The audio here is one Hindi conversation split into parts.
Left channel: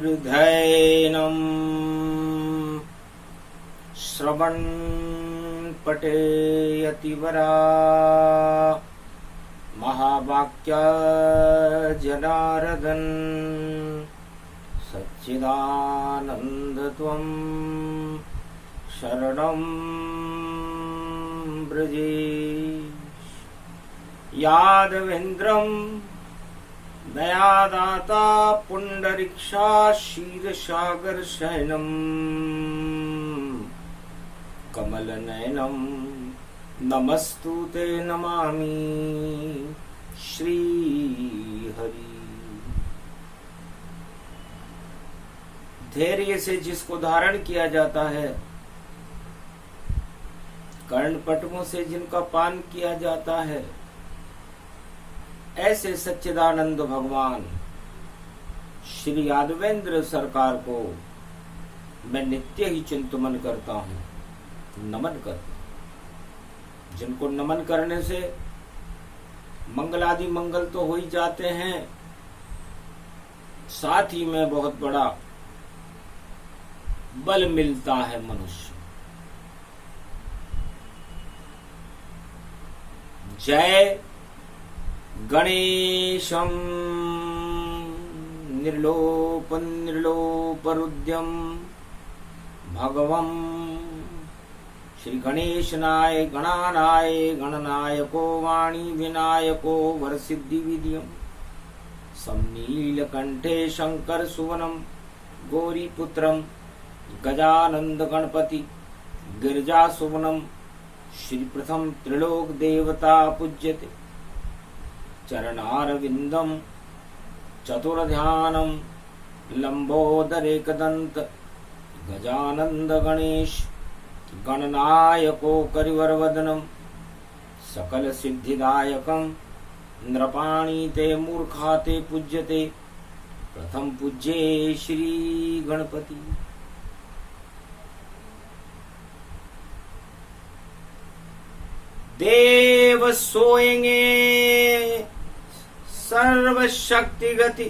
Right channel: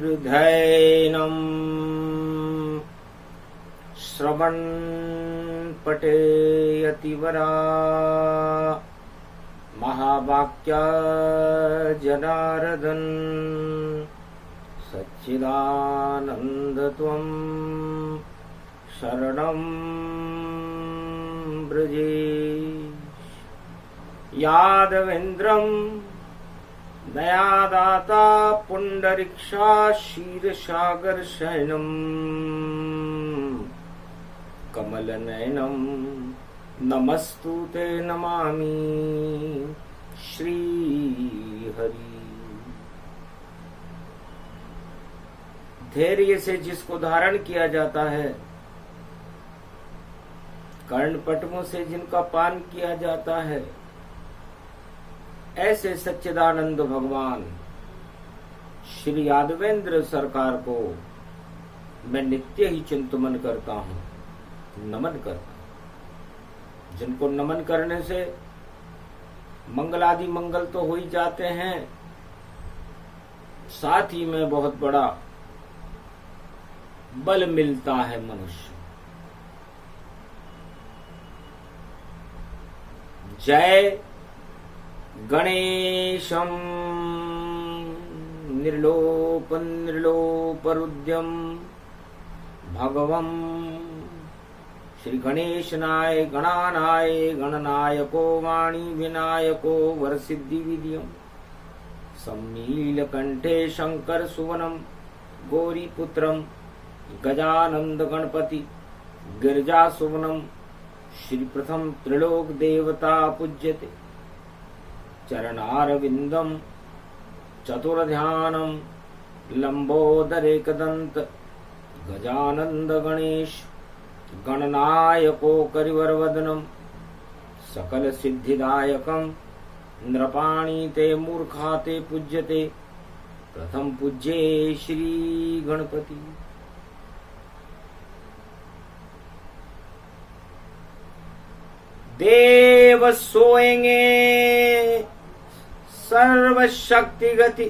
धीर्धैनम् श्रवणपठेयतिवरा महावाक्या जनार्दन सच्चिदानन्दत्वं शरणं व्रजे यादवेन्द्रं दयादाता पुंडरीक्षा क्षीरसागर शयनम् कमलनयनं नमस्तुते नमामि श्रीहरि। धैर्य से जिसको धारण किया जाता है, कर्णपटमों से जिनका पान किया जाता है, ऐसे सच्चिदानंद भगवान श्री यादवेंद्र सरकार को मैं नित्य ही चिंतन करता हूँ, नमन करता हूँ। जिनको नमन करने से मंगलादि मंगल तो हो ही जाते हैं, साथ ही में बहुत बड़ा बल मिलता है मनुष्य। जय गणेशं निर्लोपरुद्यम भगवं श्री गणेशनाय गणानाय गणनायको वाणी विनायको वरसिद्धि विधियम समनीलकंठे शंकर सुवनम गौरीपुत्रम गजानंद गणपति गिरिजा सुवनम श्री प्रथम त्रिलोक देवता पूज्यते चरणारविंदम चतुर्ध्यानम लंबोदरेकदंत गजानंद गणेश गणनायको करिवरवदनम सकल सिद्धिदायकम नृपाणीते मूर्खाते पूज्यते प्रथम पूज्ये श्री गणपति। देव सोएंगे सर्वशक्ति गति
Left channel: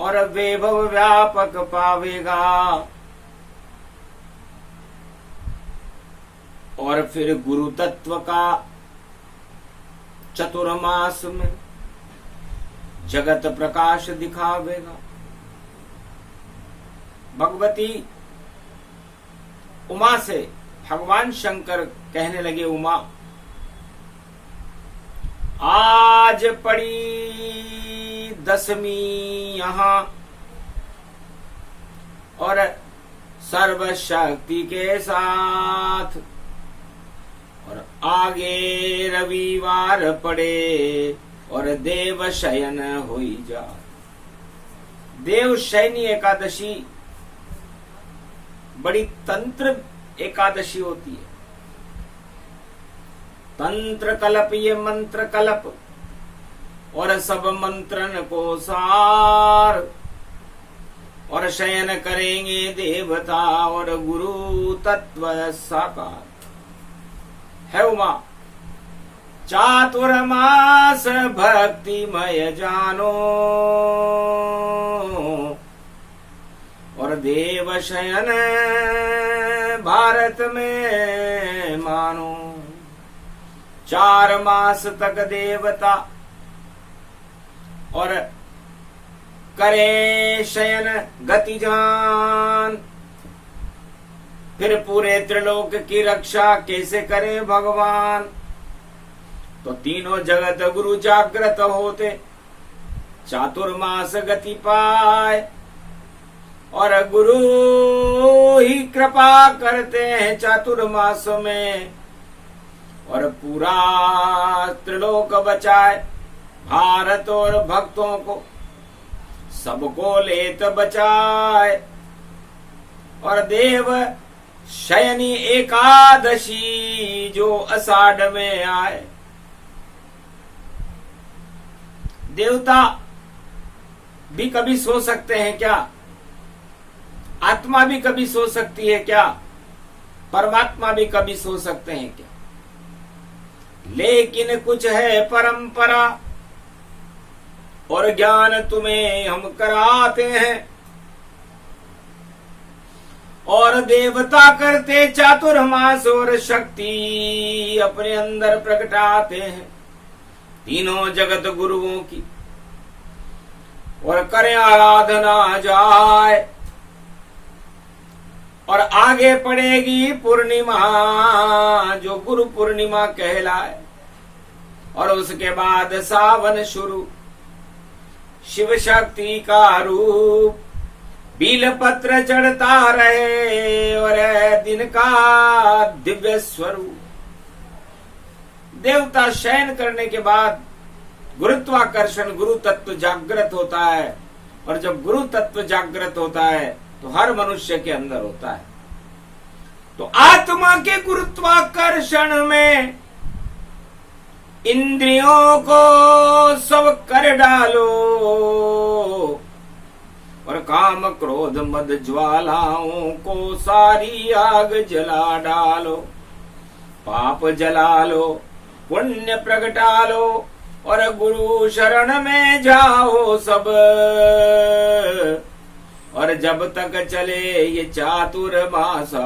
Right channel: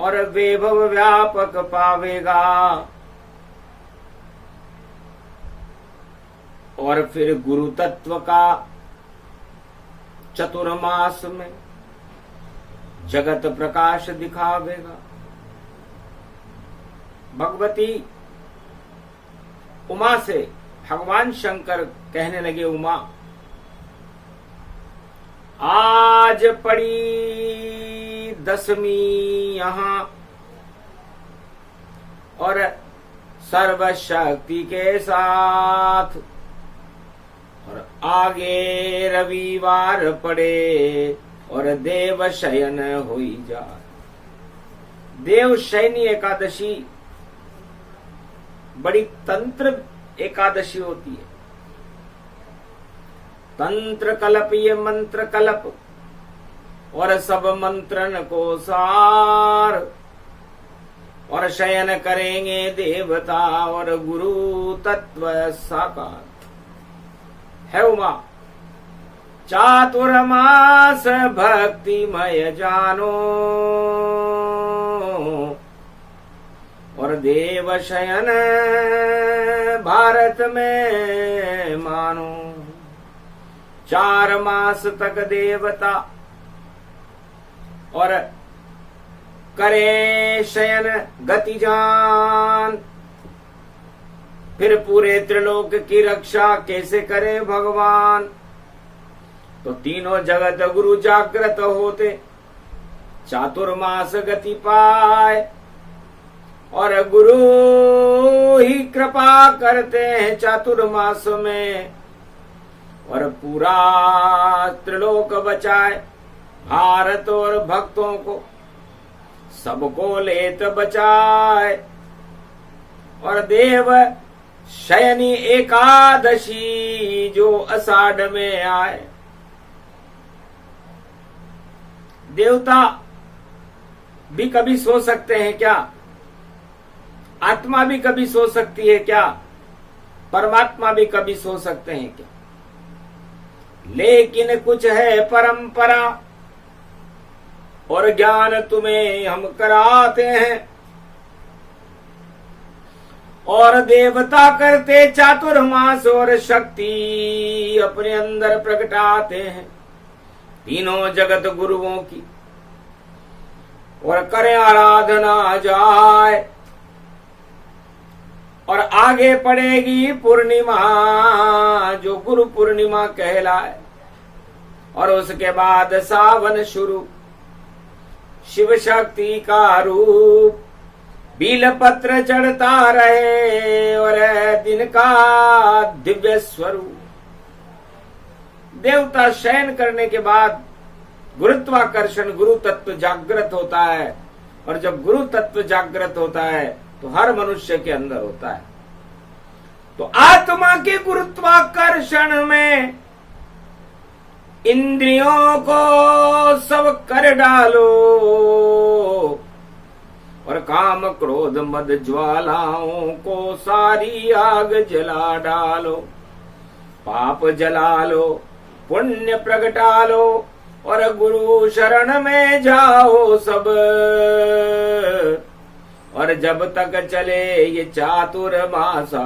और वैभव व्यापक पावेगा, और फिर गुरु तत्व का चतुर्मास में जगत प्रकाश दिखावेगा। भगवती उमा से भगवान शंकर कहने लगे, उमा आज पड़ी दशमी यहाँ और सर्वशक्ति के साथ, और आगे रविवार पड़े और देव शयन होई जा। देव शयनी एकादशी बड़ी तंत्र एकादशी होती है। तंत्र कलप ये मंत्र कलप और सब मंत्रन को सार, और शयन करेंगे देवता और गुरु तत्व साकार। है उमा चातुर्मास भक्तिमय जानो, और देव शयन भारत में मानो। 4 मास तक देवता और करे शयन गति जान, फिर पूरे त्रिलोक की रक्षा कैसे करे भगवान। तो तीनों जगत गुरु जागृत होते, चातुर्मास गति पाए, और गुरु ही कृपा करते हैं चातुर्मास में, और पूरा त्रिलोक बचाए। भारत और भक्तों को सबको लेत बचाए, और देव शयनी एकादशी जो आषाढ़ में आए। देवता भी कभी सो सकते हैं क्या? आत्मा भी कभी सो सकती है क्या? परमात्मा भी कभी सो सकते हैं क्या? लेकिन कुछ है परंपरा और ज्ञान तुम्हें हम कराते हैं, और देवता करते चातुर्मास और शक्ति अपने अंदर प्रकटाते हैं तीनों जगत गुरुओं की, और करें आराधना जाए। और आगे पड़ेगी पूर्णिमा जो गुरु पूर्णिमा कहलाए, और उसके बाद सावन शुरू, शिव शक्ति का रूप बील पत्र चढ़ता रहे और दिन का दिव्य स्वरूप। देवता शयन करने के बाद गुरुत्वाकर्षण गुरु तत्व जागृत होता है, और जब गुरु तत्व जागृत होता है तो हर मनुष्य के अंदर होता है। तो आत्मा के गुरुत्वाकर्षण में इंद्रियों को सब कर डालो, और काम क्रोध मद ज्वालाओं को सारी आग जला डालो। पाप जला लो, पुण्य प्रगटा लो, और गुरु शरण में जाओ सब। और जब तक चले ये चातुर्मासा,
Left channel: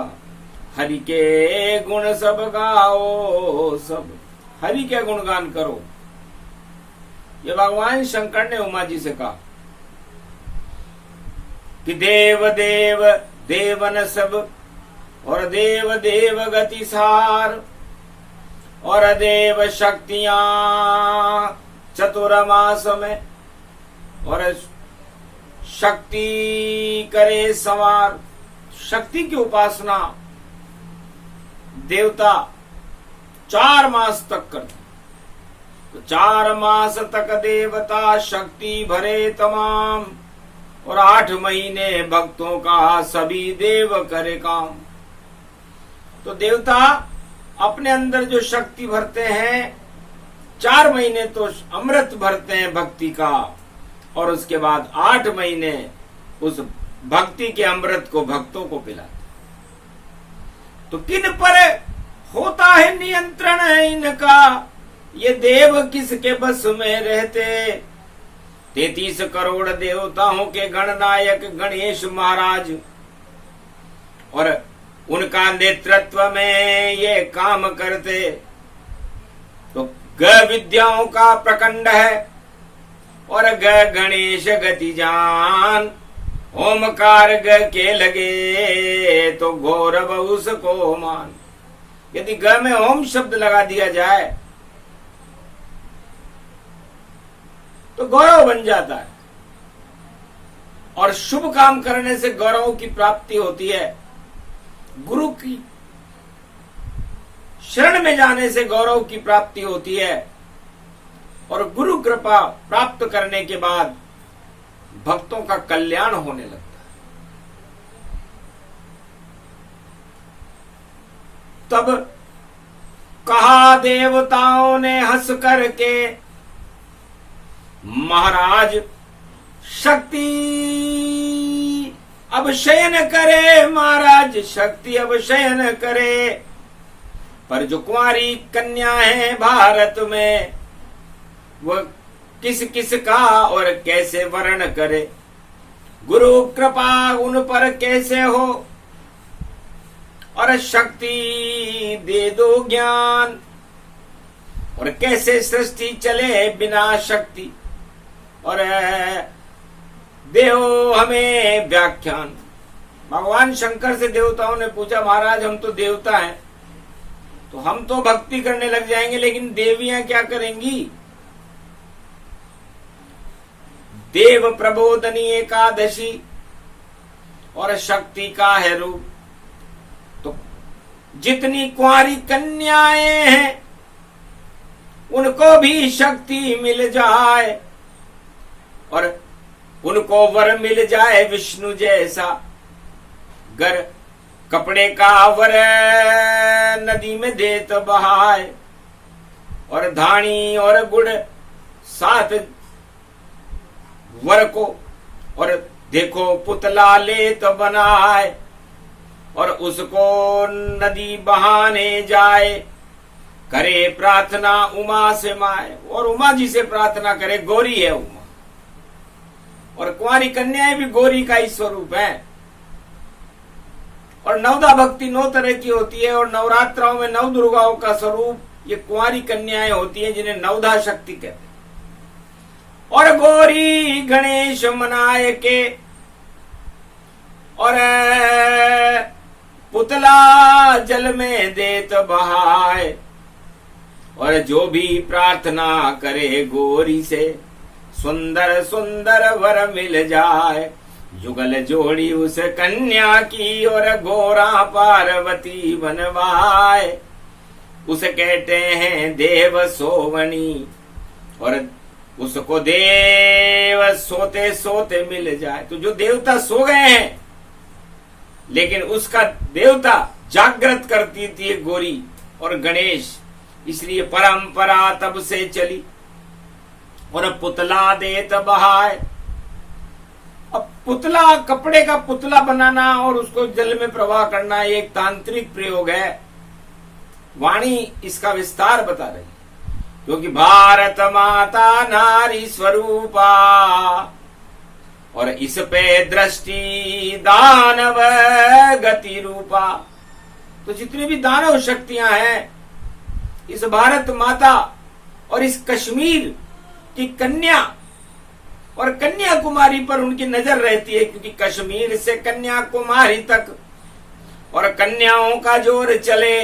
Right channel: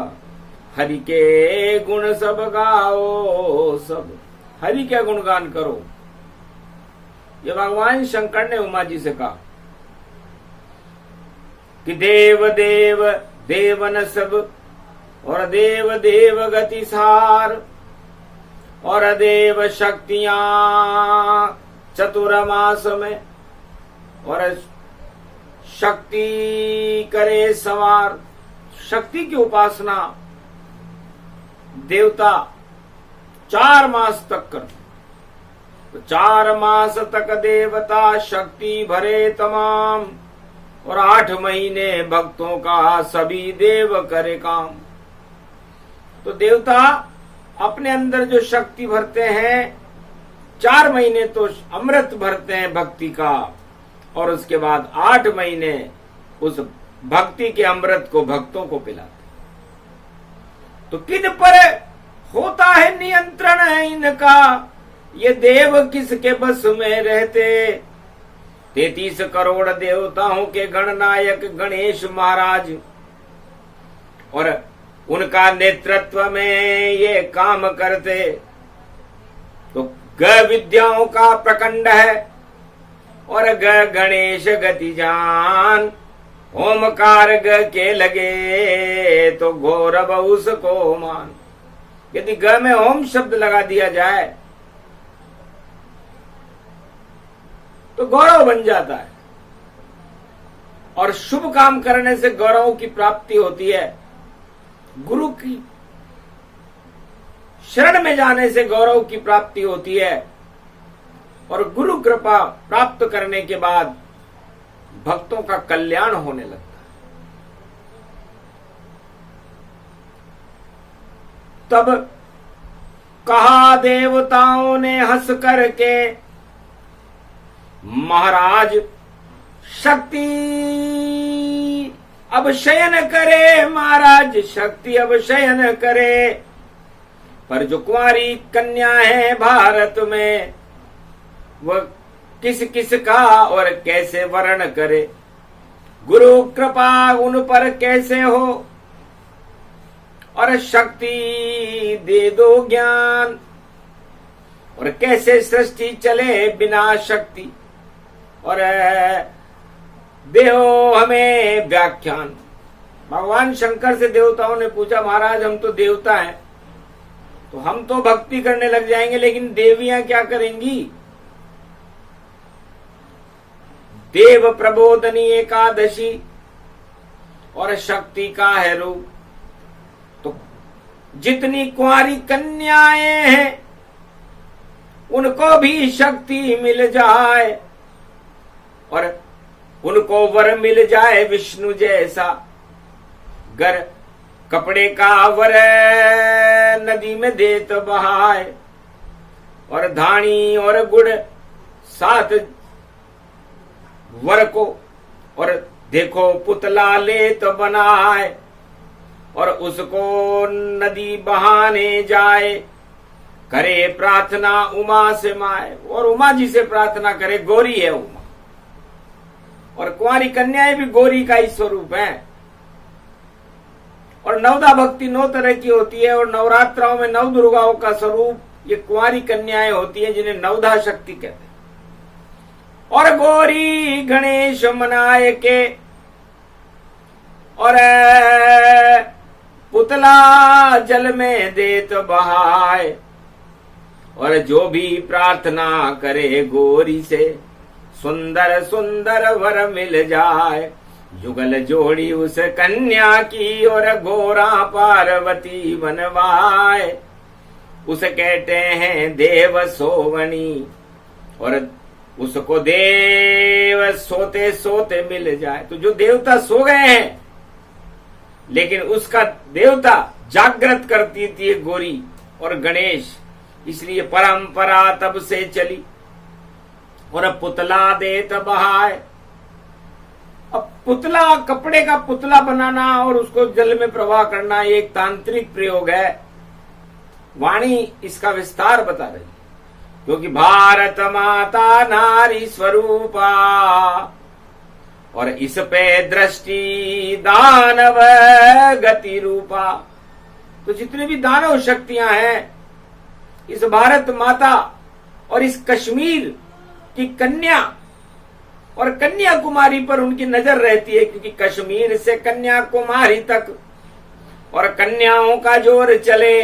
हरि के गुण सब गाओ सब। हरि के गुणगान करो। ये भगवान शंकर ने उमा जी से कहा कि देव देव देवन सब, और देव देव गति सार, और देव शक्तियां चतुर्मास में, और शक्ति करे संवार। शक्ति की उपासना देवता 4 मास तक करते, तो 4 मास तक देवता शक्ति भरे तमाम, और 8 महीने भक्तों का सभी देव करे काम। तो देवता अपने अंदर जो शक्ति भरते हैं, 4 महीने तो अमृत भरते हैं भक्ति का, और उसके बाद 8 महीने उस भक्ति के अमृत को भक्तों को पिलाते। तो किन पर होता है नियंत्रण इनका, ये देव किसके बस में रहते? 33 करोड़ देवताओं के गणनायक गणेश महाराज, और उनका नेतृत्व में ये काम करते। तो ग विद्याओं का प्रकंड है, और ग गणेश गति जान, ओमकार ग के लगे तो गौरव उसको मान। यदि ग में ओम शब्द लगा दिया जाए तो गौरव बन जाता है, और शुभ काम करने से गौरव की प्राप्ति होती है। गुरु की शरण में जाने से गौरव की प्राप्ति होती है, और गुरु कृपा प्राप्त करने के बाद भक्तों का कल्याण होने लगता है। तब कहा देवताओं ने हंस करके, महाराज शक्ति अब शयन करे, महाराज शक्ति अब शयन करे। पर जो कुंवारी कन्या है भारत में, वह किस किस का और कैसे वर्ण करे? गुरु कृपा उन पर कैसे हो, और शक्ति दे दो ज्ञान, और कैसे सृष्टि चले बिना शक्ति, और देहो हमें व्याख्यान। भगवान शंकर से देवताओं ने पूछा, महाराज हम तो देवता हैं, तो हम तो भक्ति करने लग जाएंगे, लेकिन देवियां क्या करेंगी? देव प्रबोधनी एकादशी और शक्ति का है रूप। तो जितनी कुंवारी कन्याएं हैं उनको भी शक्ति मिल जाए, और उनको वर मिल जाए विष्णु जैसा। गर कपड़े का वर नदी में दे तो बहाए, और धानी और गुड़ 7 वर को, और देखो पुतला ले तो बनाए और उसको नदी बहाने जाए, करे प्रार्थना उमा से माए। और उमा जी से प्रार्थना करे, गौरी है उमा। और कुंवारी कन्याएं भी गौरी का ही स्वरूप है। और नवदा भक्ति 9 तरह की होती है और नवरात्राओं में 9 दुर्गाओं का स्वरूप ये कुंवारी कन्याएं होती हैं, जिन्हें नवदा शक्ति कहते हैं। और गौरी गणेश मनाए के और पुतला जल में देत बहाए। और जो भी प्रार्थना करे गौरी से, सुंदर सुंदर वर मिल जाए। जुगल जोड़ी उस कन्या की और गोरा पार्वती बनवाए। उसे कहते हैं देव सोवनी और उसको देव सोते सोते मिल जाए। तो जो देवता सो गए हैं लेकिन उसका देवता जागृत करती थी गौरी और गणेश, इसलिए परंपरा तब से चली। और पुतला देत बहाए। अब पुतला, कपड़े का पुतला बनाना और उसको जल में प्रवाह करना एक तांत्रिक प्रयोग है। वाणी इसका विस्तार बता रही है, क्योंकि भारत माता नारी स्वरूपा और इस पे दृष्टि दानव गति रूपा। तो जितनी भी दानव शक्तियां हैं इस भारत माता और इस कश्मीर की कन्या और कन्याकुमारी पर उनकी नजर रहती है, क्योंकि कश्मीर से कन्याकुमारी तक और कन्याओं का जोर चले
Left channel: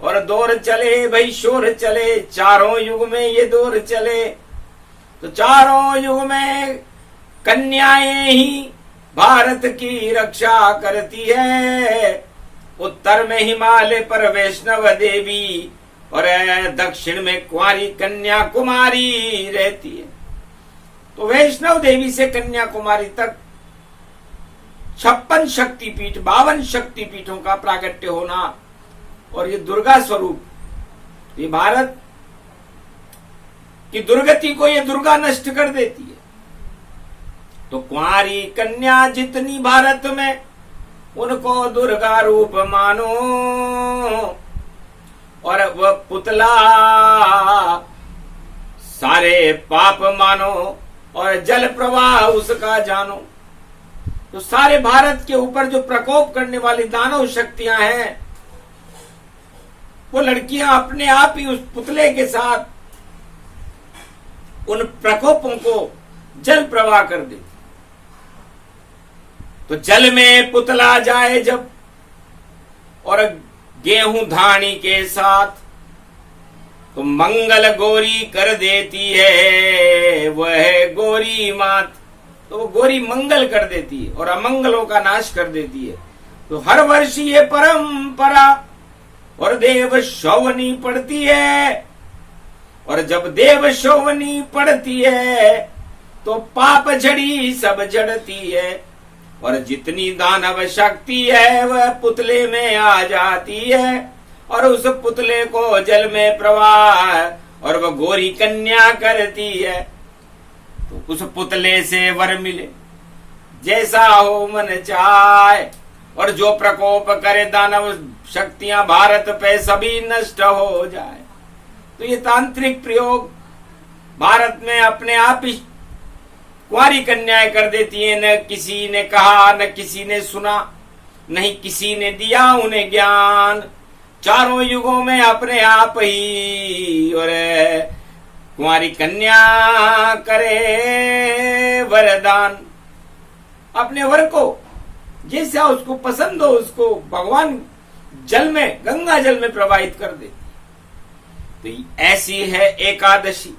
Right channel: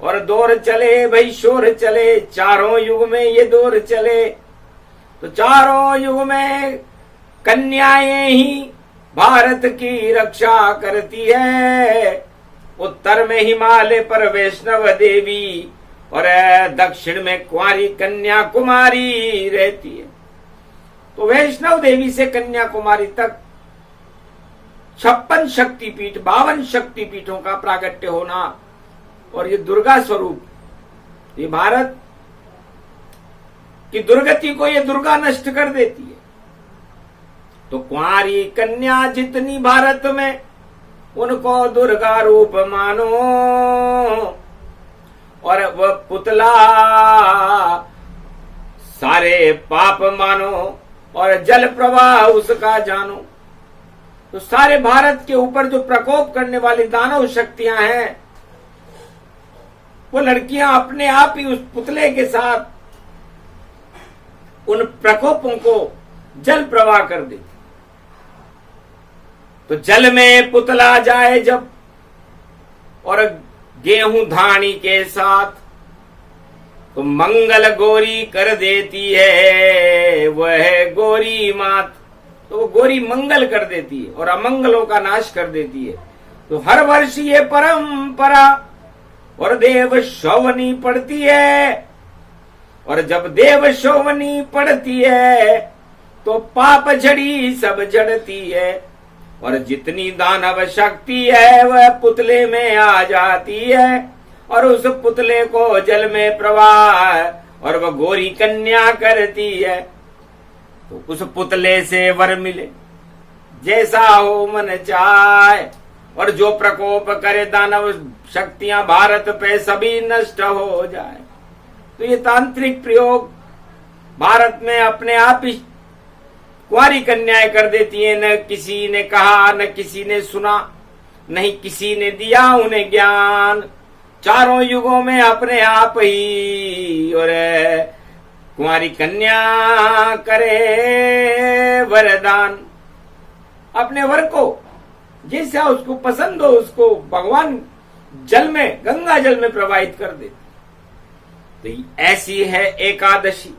और दौर चले भाई, शोर चले। चारों युग में ये दौर चले। तो चारों युग में कन्याएं ही भारत की रक्षा करती है। उत्तर में हिमालय पर वैष्णव देवी और दक्षिण में कुंवारी कन्याकुमारी रहती है। तो वैष्णव देवी से कन्याकुमारी तक 56 शक्तिपीठ, 52 शक्तिपीठों का प्रागट्य होना और ये दुर्गा स्वरूप, ये भारत की दुर्गति को ये दुर्गा नष्ट कर देती है। तो कुंवारी कन्या जितनी भारत में, उनको दुर्गा रूप मानो। और वह पुतला सारे पाप मानो और जल प्रवाह उसका जानो। तो सारे भारत के ऊपर जो प्रकोप करने वाली दानव शक्तियां हैं, वो लड़कियां अपने आप ही उस पुतले के साथ उन प्रकोपों को जल प्रवाह कर देती। तो जल में पुतला जाए जब और गेहूं धानी के साथ, तो मंगल गौरी कर देती है वह गौरी मात। तो वो गौरी मंगल कर देती है और अमंगलों का नाश कर देती है। तो हर वर्ष ये परंपरा और देव शोभनी पड़ती है। और जब देव शोभनी पड़ती है तो पाप झड़ी सब जड़ती है। और जितनी दानव शक्ति है वह पुतले में आ जाती है और उस पुतले को जल में प्रवाह और वह गौरी कन्या करती है। तो उस पुतले से वर मिले जैसा हो मन चाहे। और जो प्रकोप करे दानव शक्तियां भारत पे सभी नष्ट हो जाए। तो ये तांत्रिक प्रयोग भारत में अपने आप ही कुंवारी कन्याएं कर देती है। न किसी ने कहा, न किसी ने सुना, नहीं किसी ने दिया उन्हें ज्ञान। चारों युगों में अपने आप ही और कुंवारी कन्या करे वरदान। अपने वर को जैसा उसको पसंद हो उसको भगवान जल में, गंगा जल में प्रवाहित कर देती। तो ऐसी है एकादशी,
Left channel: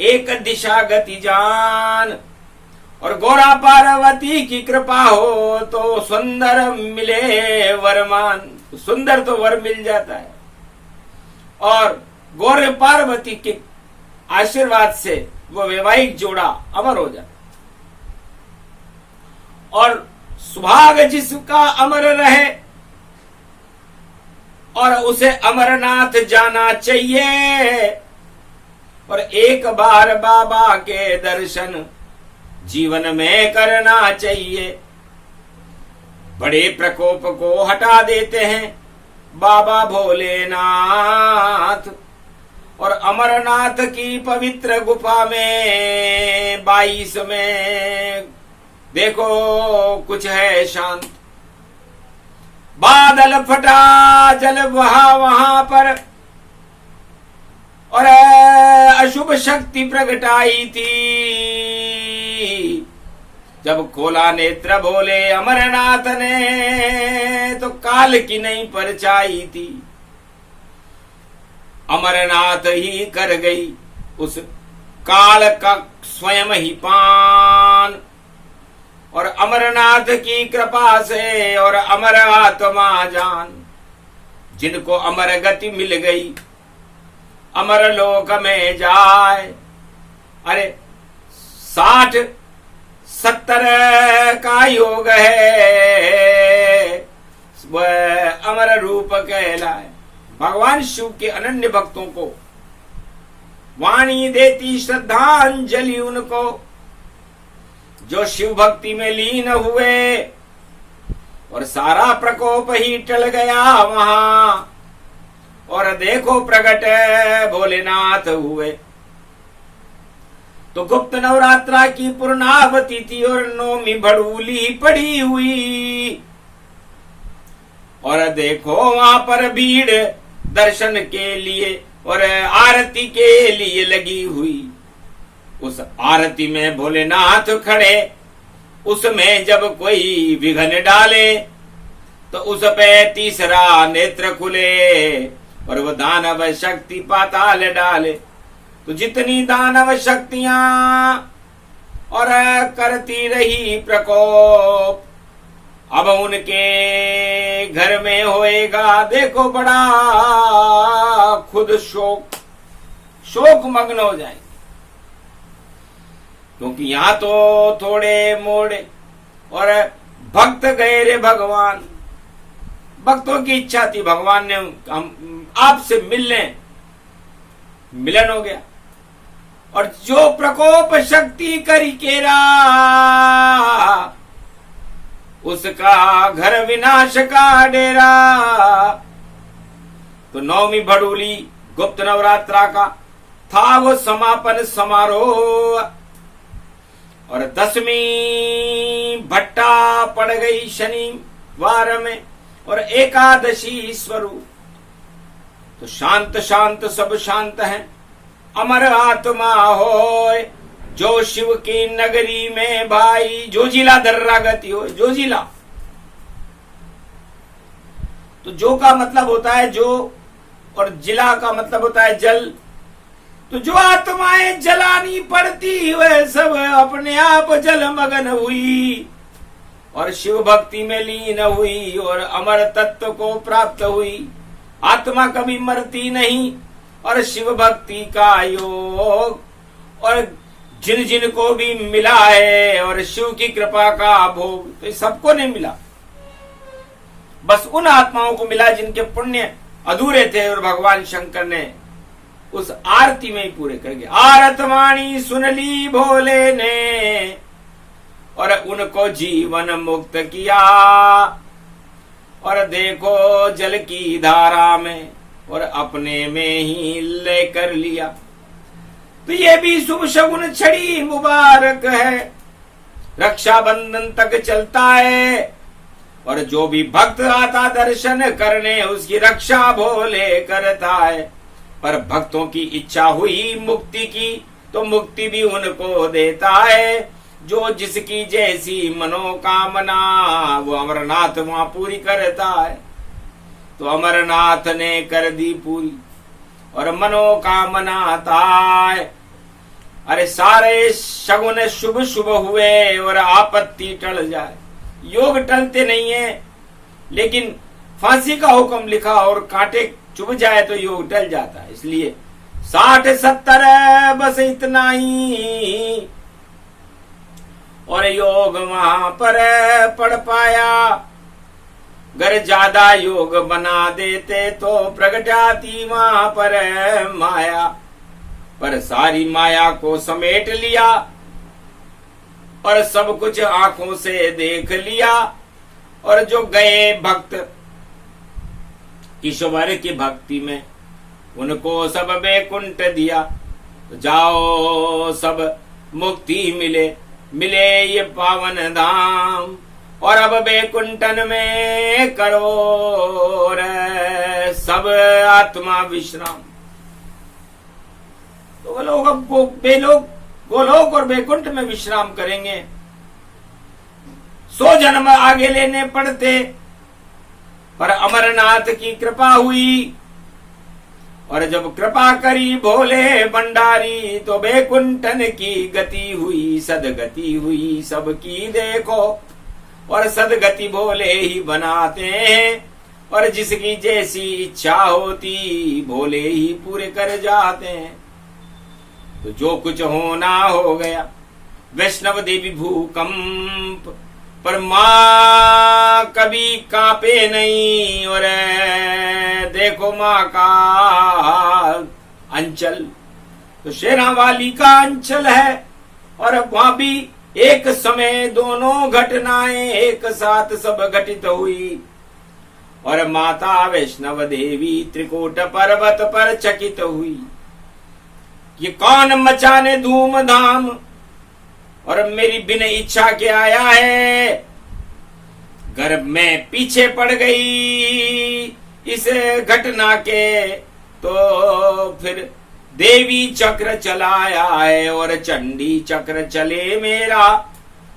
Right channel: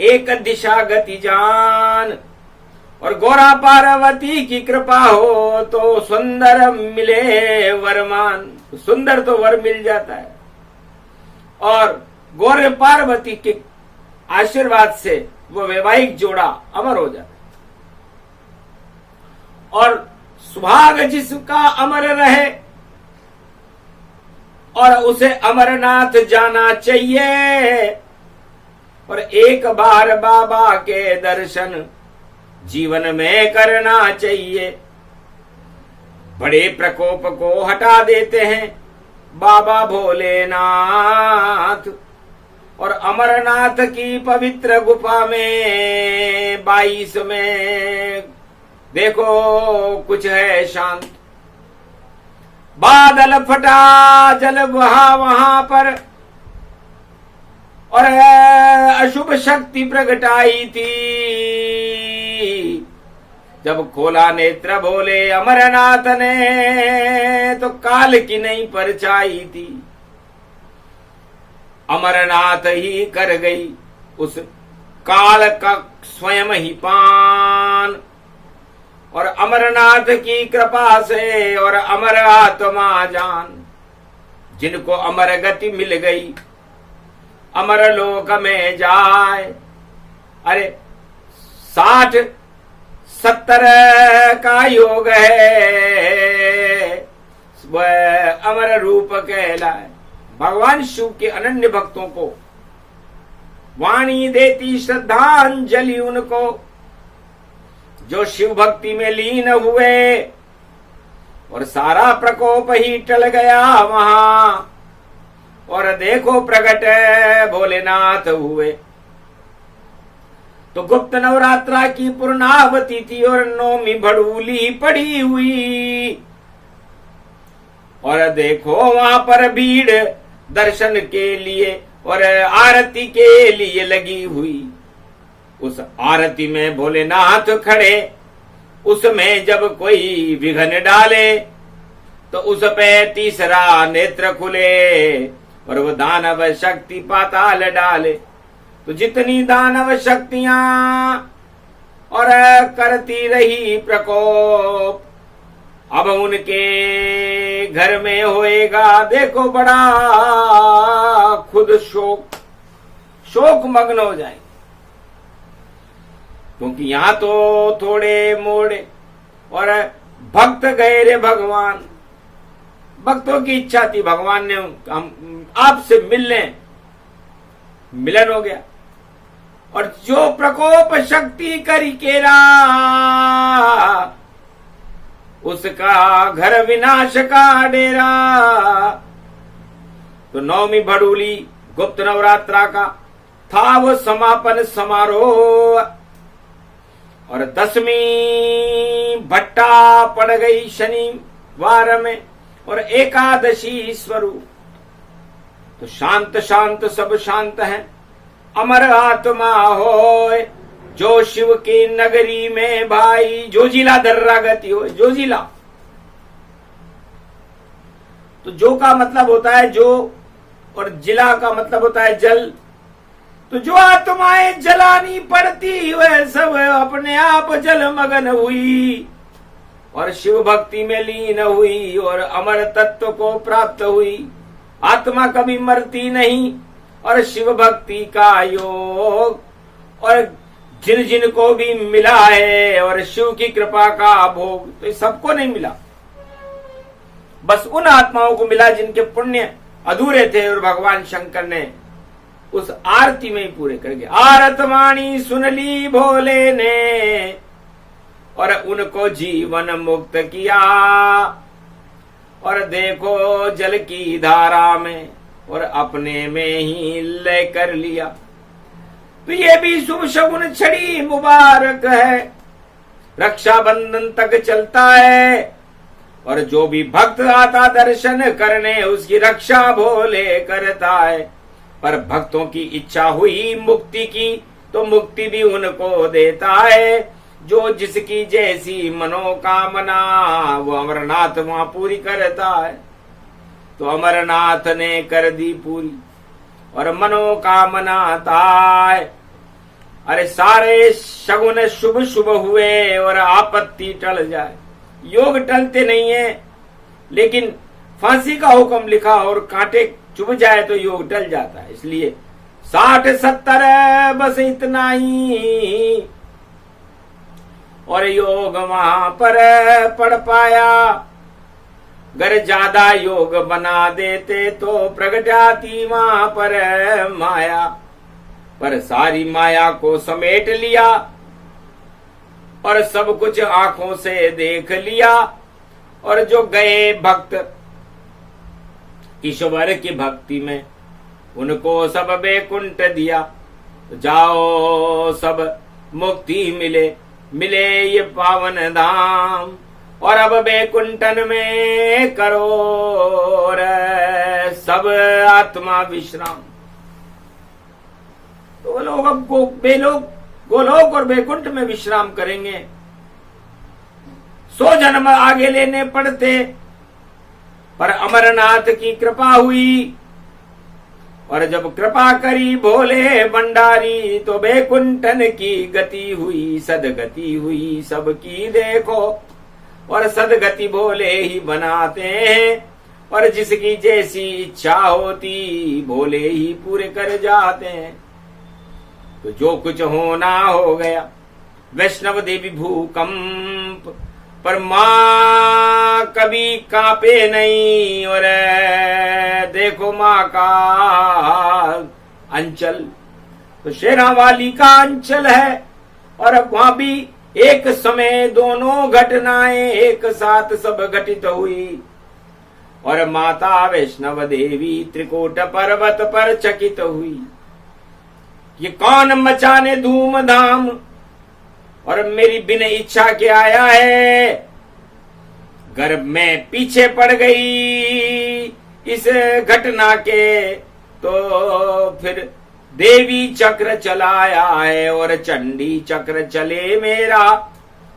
एक दिशा गति जान। और गौरा पार्वती की कृपा हो तो सुंदर मिले वरमान। तो सुंदर तो वर मिल जाता है और गौर पार्वती के आशीर्वाद से वो वैवाहिक जोड़ा अमर हो जाता है। और सुभाग जिसका अमर रहे और उसे अमरनाथ जाना चाहिए। और एक बार बाबा के दर्शन जीवन में करना चाहिए। बड़े प्रकोप को हटा देते हैं बाबा भोलेनाथ। और अमरनाथ की पवित्र गुफा में 22 में देखो कुछ है शांत। बादल फटा, जल बहा वहां पर, और अशुभ शक्ति प्रगटाई थी। जब खोला नेत्र भोले अमरनाथ ने, तो काल की नहीं परछाई थी। अमरनाथ ही कर गई उस काल का स्वयं ही पान। और अमरनाथ की कृपा से और अमर आत्मा जान, जिनको अमर गति मिल गई अमर लोक में जाए। अरे 60-70 का योग है, वह अमर रूप कहलाए। भगवान शिव के अनन्य भक्तों को वाणी देती श्रद्धांजलि उनको, जो शिव भक्ति में लीन हुए और सारा प्रकोप ही टल गया वहां। और देखो प्रगट भोलेनाथ हुए। तो गुप्त नवरात्रा की पूर्णावती थी और नौमी भड़ूली पड़ी हुई। और देखो वहां पर भीड़ दर्शन के लिए और आरती के लिए लगी हुई। उस आरती में भोलेनाथ खड़े, उसमें जब कोई विघ्न डाले तो उस पे तीसरा नेत्र खुले और वो दानव शक्ति पाताल डाले। तो जितनी दानव शक्तियां और करती रही प्रकोप, अब उनके घर में होएगा देखो बड़ा खुद शोक मग्न हो जाएंगे। क्योंकि यहां तो थोड़े मोड़े और भक्त गए रे भगवान। भक्तों की इच्छा थी, भगवान ने हम आपसे मिल लें, मिलन हो गया। और जो प्रकोप शक्ति करी केरा, उसका घर विनाश का डेरा। तो नौमी भड़ूली गुप्त नवरात्रा का था वो समापन समारोह। और 10वीं भट्टा पड़ गई शनिवार में और एकादशी स्वरूप। तो शांत शांत सब शांत हैं, अमर आत्मा होए जो शिव की नगरी में भाई। जो जिला दर्रा गति हो, जो जिला। तो जो का मतलब होता है जो, और जिला का मतलब होता है जल। तो जो आत्माएं जलानी पड़ती वह सब अपने आप जलमग्न हुई और शिव भक्ति में लीन हुई और अमर तत्व को प्राप्त हुई। आत्मा कभी मरती नहीं और शिव भक्ति का योग, और जिन जिन को भी मिला है और शिव की कृपा का भोग, तो सबको नहीं मिला, बस उन आत्माओं को मिला जिनके पुण्य अधूरे थे और भगवान शंकर ने उस आरती में ही पूरे कर दिया। आरतवाणी सुन ली भोले ने और उनको जीवन मुक्त किया। और देखो जल की धारा में और अपने में ही लय कर लिया। तो ये भी शुभ शगुन छड़ी मुबारक है, रक्षाबंधन तक चलता है। और जो भी भक्त आता दर्शन करने उसकी रक्षा भोले करता है। पर भक्तों की इच्छा हुई मुक्ति की तो मुक्ति भी उनको देता है। जो जिसकी जैसी मनोकामना वो अमरनाथ वहां पूरी करता है। तो अमरनाथ ने कर दी पूरी और मनोकामना ताय। अरे सारे शगुन शुभ शुभ हुए और आपत्ति टल जाए। योग टलते नहीं है, लेकिन फांसी का हुक्म लिखा और कांटे चुभ जाए तो योग टल जाता है। इसलिए 60-70 बस इतना ही और योग वहां पर पढ़ पाया। अगर ज्यादा योग बना देते तो प्रगट आती वहां पर माया। पर सारी माया को समेट लिया और सब कुछ आंखों से देख लिया। और जो गए भक्त ईश्वर की भक्ति में, उनको सब वैकुंठ दिया। जाओ सब मुक्ति मिले, मिले ये पावन धाम। और अब वैकुंठन में करो रे सब आत्मा विश्राम। तो वो लोग अब गोलोक और वैकुंठ में विश्राम करेंगे। 100 जन्म आगे लेने पड़ते, पर अमरनाथ की कृपा हुई। और जब कृपा करी भोले भंडारी, तो वैकुंठन की गति हुई, सदगति हुई सबकी देखो। और सदगति भोले ही बनाते हैं, और जिसकी जैसी इच्छा होती भोले ही पूरे कर जाते हैं। तो जो कुछ होना हो गया। वैष्णव देवी भूकंप, पर मां कभी कांपे नहीं। और देखो मां का अंचल तो शेरावाली का अंचल है। और वहां भी एक समय दोनों घटनाएं एक साथ सब घटित हुई। और माता वैष्णव देवी त्रिकूट पर्वत पर चकित हुई। ये कौन मचाने धूमधाम, और मेरी बिन इच्छा के आया है। गर्भ में पीछे पड़ गई इस घटना के, तो फिर देवी चक्र चलाया है और चंडी चक्र चले मेरा।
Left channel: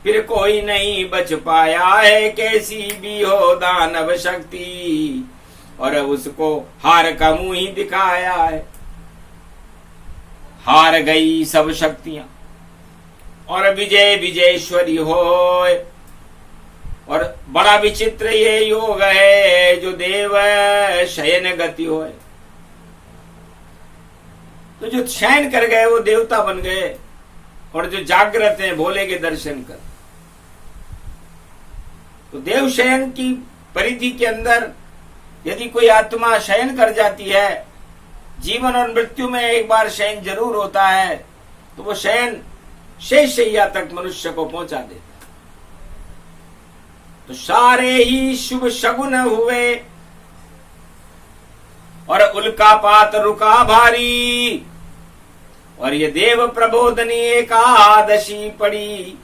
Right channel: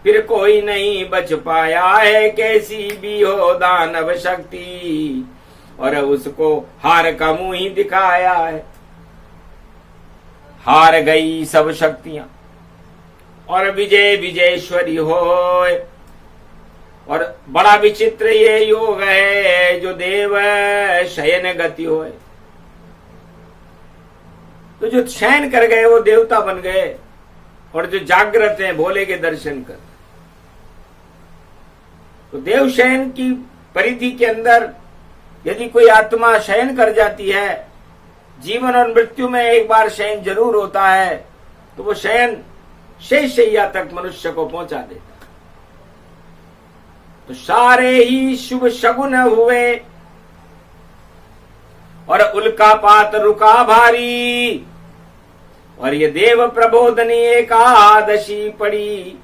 फिर कोई नहीं बच पाया है, कैसी भी हो दानव शक्ति। और उसको हार का मुंह ही दिखाया है। हार गई सब शक्तियां, और विजय विजयेश्वरी होए। और बड़ा विचित्र ये योग है, जो देव शयन गति होए। तो जो शयन कर गए वो देवता बन गए, और जो जागृत हैं भोले के दर्शन कर। तो देव शयन की परिधि के अंदर यदि कोई आत्मा शयन कर जाती है, जीवन और मृत्यु में एक बार शयन जरूर होता है, तो वो शयन शेष शैया तक मनुष्य को पहुंचा देता है। तो सारे ही शुभ शगुन हुए, और उल्कापात रुका भारी। और ये देव प्रबोधनी एकादशी पड़ी,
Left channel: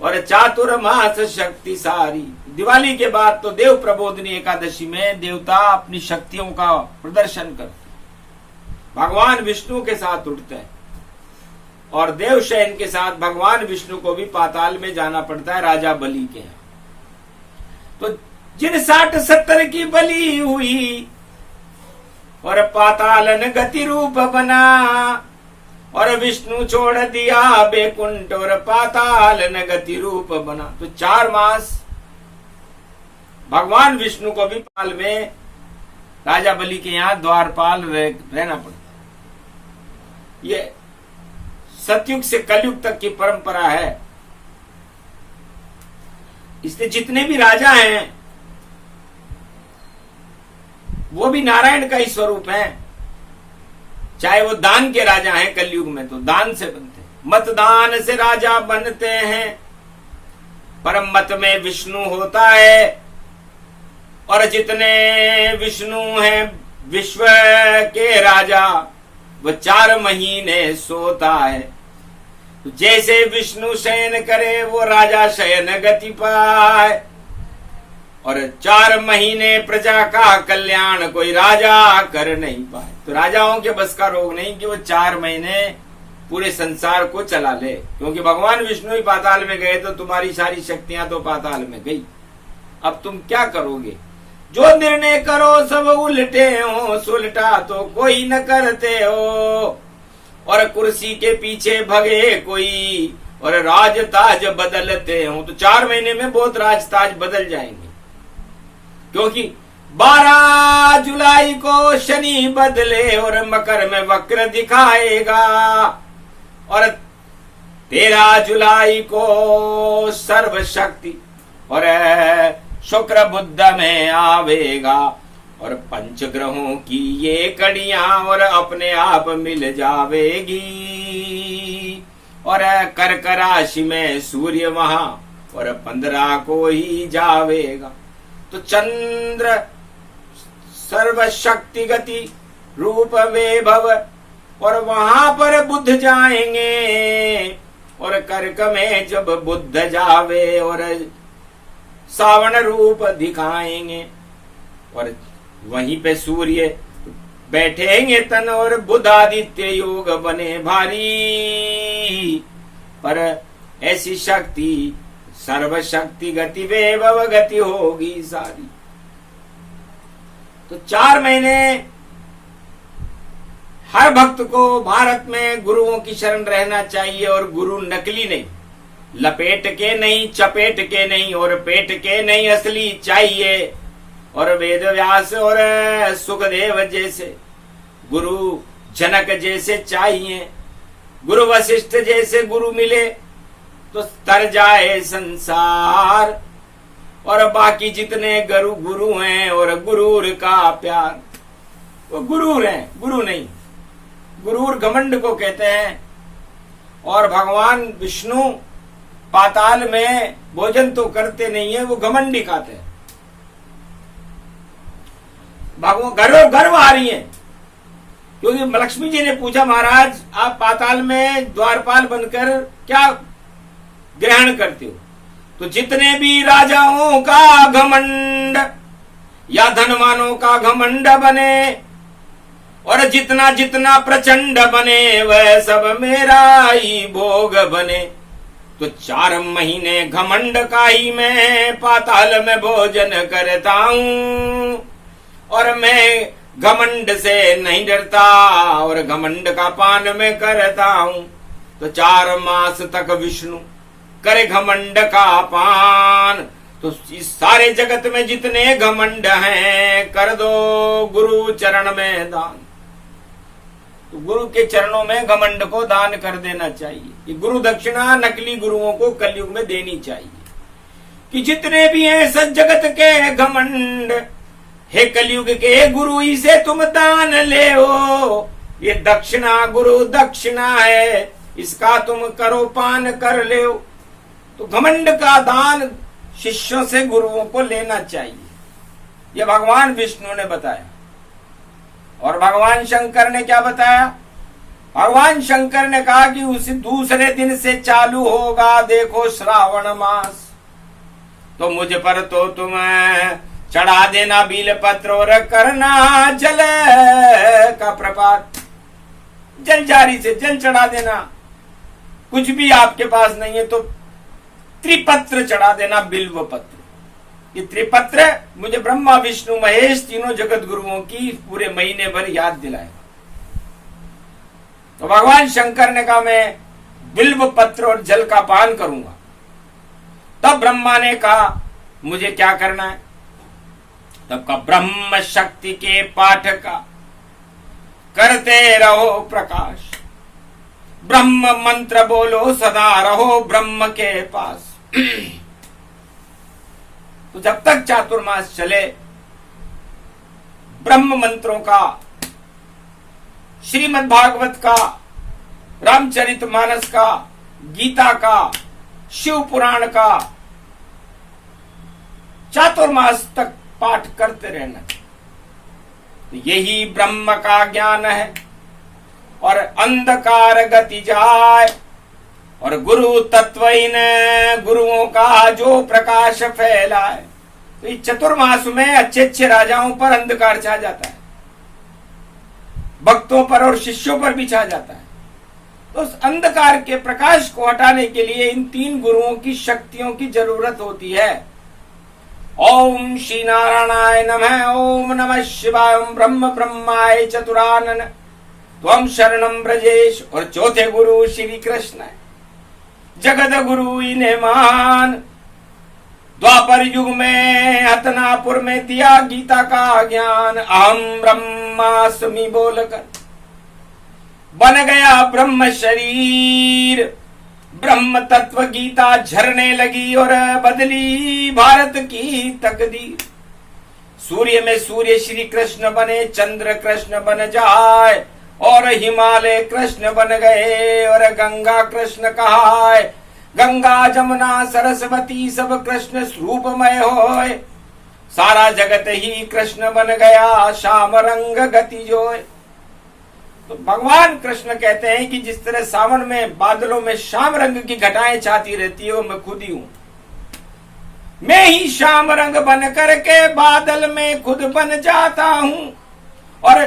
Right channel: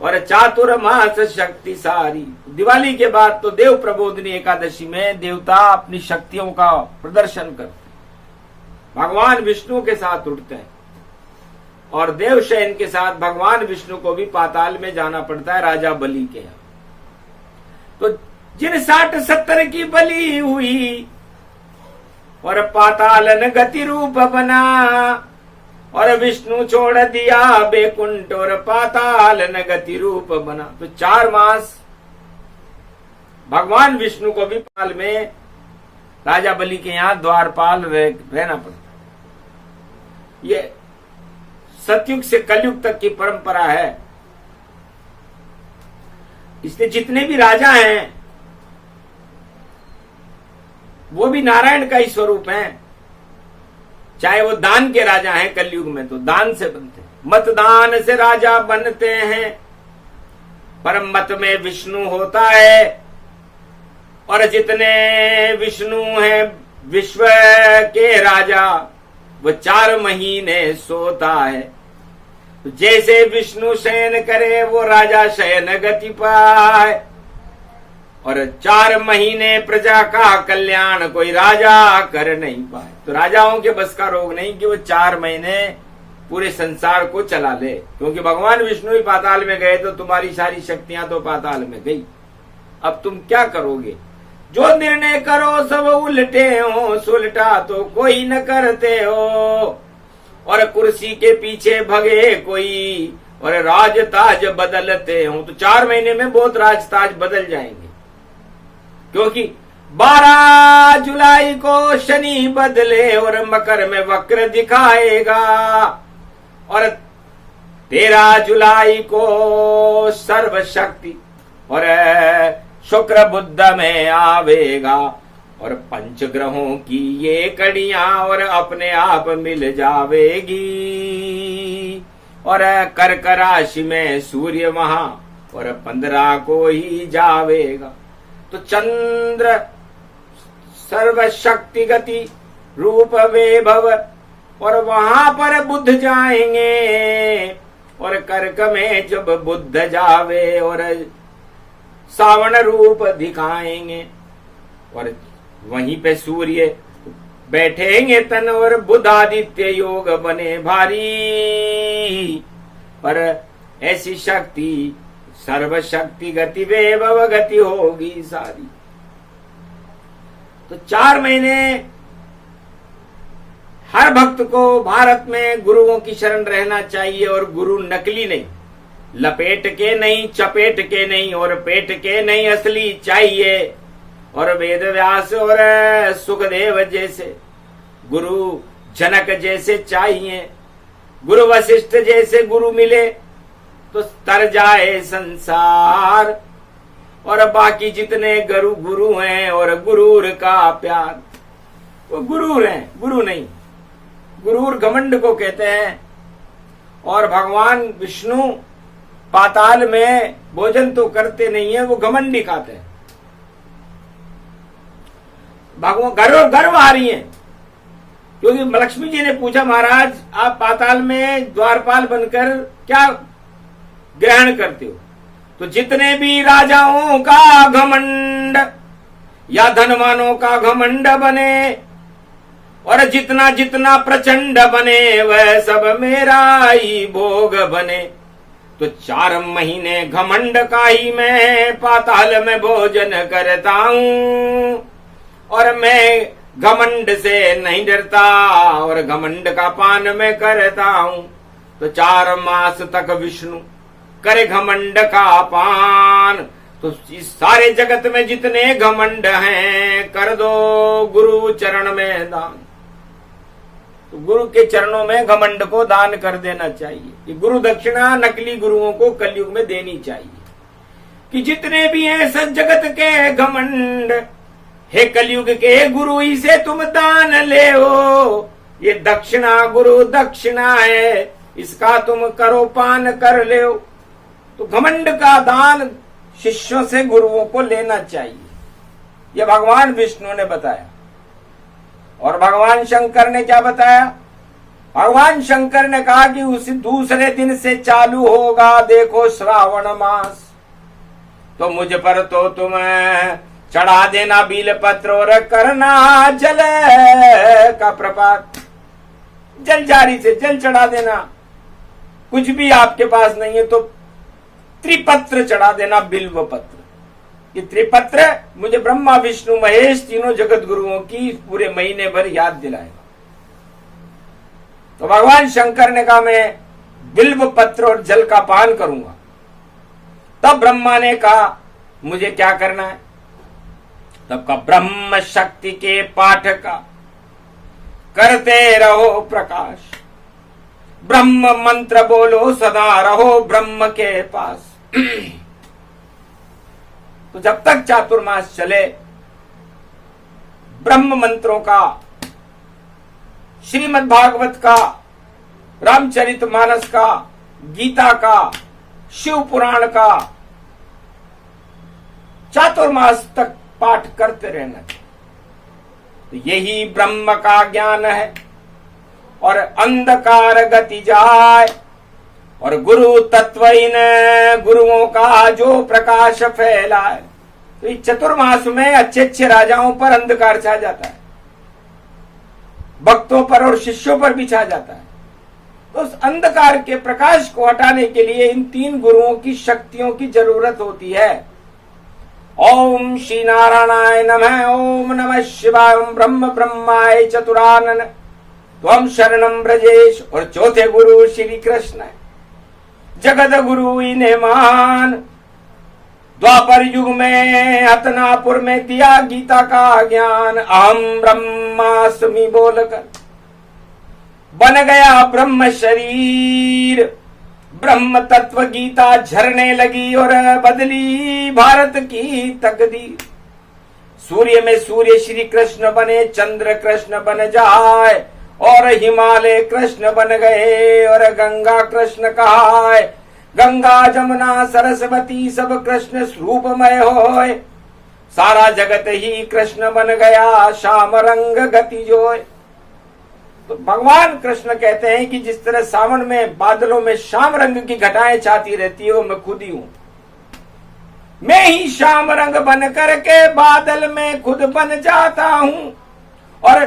और चातुर्मास शक्ति सारी। दिवाली के बाद तो देव प्रबोधनी एकादशी में देवता अपनी शक्तियों का प्रदर्शन करते, भगवान विष्णु के साथ उठते हैं। और देव शयन के साथ भगवान विष्णु को भी पाताल में जाना पड़ता है राजा बलि के यहाँ। तो जिन 60-70 की बलि हुई, और पातालन गति रूप बना। और विष्णु छोड़ दिया बैकुंठ, और पातालन गति रूप बना। तो 4 मास भगवान विष्णु को भी पाल में राजा बलि के यहाँ द्वारपाल रहना पड़ता है। ये सतयुग से कलयुग तक की परंपरा है। इसलिए जितने भी राजा हैं वो भी नारायण का ही स्वरूप हैं। चाहे वो दान के राजा हैं, कलयुग में तो दान से बनते हैं, मतदान से राजा बनते हैं। परम मत में विष्णु होता है, और जितने विष्णु हैं विश्व के राजा, वो 4 महीने सोता है। तो जैसे विष्णु शयन करे वो राजा शयन गति पाए। और 4 महीने प्रजा का कल्याण कोई राजा कर नहीं पाए। तो राजाओं के बस का रोग नहीं कि वो 4 महीने पूरे संसार को चला ले, क्योंकि भगवान विष्णु ही पाताल में गए तो तुम्हारी सारी शक्तियां तो पाताल में गई। अब तुम क्या करोगे? जो निर्णय करो सब उल्टे हो, सुलटा तो कोई न करते हो। और कुर्सी के पीछे भगे कोई, और राज ताज बदलते हो। तो 4 महीने में बहुत राज ताज बदल जाएंगे, क्योंकि 12 जुलाई को शनि बदले और मकर में वक्र दिखाएगा। और 13 जुलाई को सर्वशक्ति और शुक्र बुध में आवेगा। और 5 ग्रहों की ये कड़ियां और अपने आप मिल जावेगी। और कर्क राशि में सूर्य वहां और 15 को ही जावेगा। तो चंद्र सर्वशक्ति गति रूप वैभव और वहां पर बुध जाएंगे और कर्क में जब बुध जावे और सावन रूप दिखाएंगे और वहीं पे सूर्य बैठेंगे तन और बुध आदित्य योग बने भारी। पर ऐसी शक्ति सर्वशक्ति गति वैभव गति होगी सारी। तो 4 महीने हर भक्त को भारत में गुरुओं की शरण रहना चाहिए और गुरु नकली नहीं, लपेट के नहीं, चपेट के नहीं और पेट के नहीं, असली चाहिए। और वेद व्यास और सुखदेव जैसे गुरु, जनक जैसे चाहिए, गुरु वशिष्ठ जैसे गुरु मिले तो तर जाए संसार। और बाकी जितने गुरु हैं और गुरूर का प्यार, वो गुरूर हैं, गुरु नहीं। गुरूर घमंड को कहते हैं। और भगवान विष्णु पाताल में भोजन तो करते नहीं है, वो घमंडी खाते हैं। भगवान गर्व आ रही है क्योंकि लक्ष्मी जी ने पूछा, महाराज आप पाताल में द्वारपाल बनकर क्या ग्रहण करते हो? तो जितने भी राजाओं का घमंड या धनवानों का घमंड बने और जितना जितना प्रचंड बने वह सब मेरा ही भोग बने। तो 4 महीने घमंड का ही मैं पाताल में भोजन करता हूं और मैं घमंड से नहीं डरता और घमंड का पान में करता हूं। तो 4 मास तक विष्णु करे घमंड का पान। तो इस सारे जगत में जितने घमंड हैं कर दो गुरु चरण में दान। तो गुरु के चरणों में घमंड को दान कर देना चाहिए। कि गुरु दक्षिणा नकली गुरुओं को कलयुग में देनी चाहिए कि जितने भी हैं इस जगत के घमंड, हे कलयुग के गुरु इसे तुम दान ले हो। ये दक्षिणा गुरु दक्षिणा है, इसका तुम करो पान कर ले हो। तो घमंड का दान शिष्यों से गुरुओं को लेना चाहिए। यह भगवान विष्णु ने बताया। और भगवान शंकर ने क्या बताया? भगवान शंकर ने कहा कि उसी दूसरे दिन से चालू होगा देखो श्रावण मास। तो मुझ पर तो तुम चढ़ा देना बील पत्र और करना जल का प्रपात। जल जारी से जल चढ़ा देना। कुछ भी आपके पास नहीं है तो त्रिपत्र चढ़ा देना, बिल्व पत्र। ये त्रिपत्र मुझे ब्रह्मा विष्णु महेश तीनों जगत गुरुओं की पूरे महीने भर याद दिलाएगा। तो भगवान शंकर ने कहा मैं बिल्व पत्र और जल का पान करूंगा। तब ब्रह्मा ने कहा मुझे क्या करना है? तब का ब्रह्म शक्ति के पाठ का करते रहो प्रकाश, ब्रह्म मंत्र बोलो सदा रहो ब्रह्म के पास। तो जब तक चातुर्मास चले ब्रह्म मंत्रों का, श्रीमद् भागवत का, रामचरितमानस का, गीता का, शिव पुराण का चातुर्मास तक पाठ करते रहना चाहिए। तो यही ब्रह्म का ज्ञान है और अंधकार गति जाए और गुरु तत्व इन गुरुओं का जो प्रकाश फैलाए। तो इस चतुर्मास में अच्छे अच्छे राजाओं पर अंधकार छा जाता है, भक्तों पर और शिष्यों पर भी छा जाता है। तो उस अंधकार के प्रकाश को हटाने के लिए इन 3 गुरुओं की शक्तियों की जरूरत होती है। ओम श्री नारायणाय नमः, ओम नमः शिवाय, ओम ब्रह्म ब्रह्माय चतुरानन त्वम शरणम ब्रजेश। और चौथे गुरु श्री कृष्ण है, जगत गुरु इन्हें मान। द्वापर युग में हतनापुर में दिया गीता का ज्ञान। अहम ब्रह्मास्मि बोलकर बन गया ब्रह्म शरीर। ब्रह्म तत्व गीता झरने लगी और बदली भारत की तकदीर। सूर्य में सूर्य श्री कृष्ण बने, चंद्र कृष्ण बन जाए और हिमालय कृष्ण बन गए और गंगा कृष्ण कहाए। गंगा जमुना सरस्वती सब कृष्ण स्वरूपमय होए। सारा जगत ही कृष्ण बन गया, श्याम रंग गति जोय। तो भगवान कृष्ण कहते हैं कि जिस तरह सावन में बादलों में श्याम रंग की घटाएं छाती रहती है, वो मैं खुद ही हूं। मैं ही श्याम रंग बन करके बादल में खुद बन जाता हूं और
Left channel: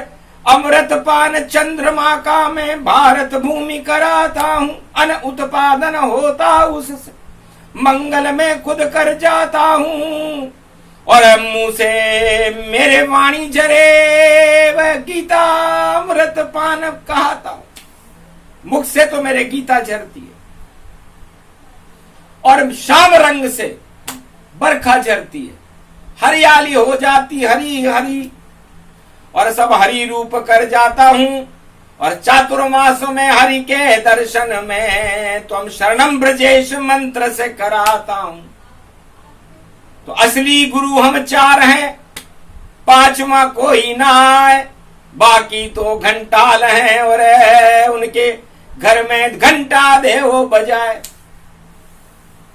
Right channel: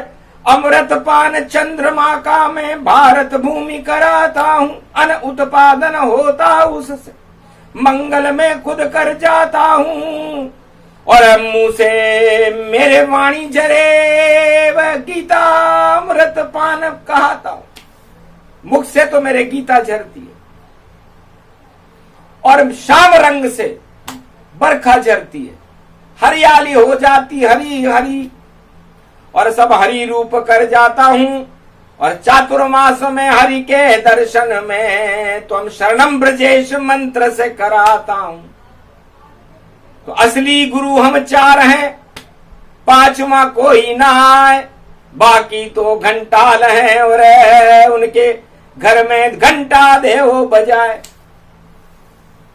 अमृत पान चंद्रमा का मैं भारत भूमि कराता हूं। अन उत्पादन होता उससे मंगल में खुद कर जाता हूं और मुंह से मेरे वाणी जरे वह गीता अमृत पान कहता हूं। मुख से तो मेरे गीता झरती है और श्याम रंग से बरखा झरती है, हरियाली हो जाती हरी हरी और सब हरि रूप कर जाता हूं। और चातुर्मास में हरि के दर्शन में त्वम शरणम ब्रजेश मंत्र से कराता हूं। तो असली गुरु हम चार हैं, पांचवा कोई ना आए, बाकी तो घंटाल हैं और उनके घर में घंटा दे वो बजाए।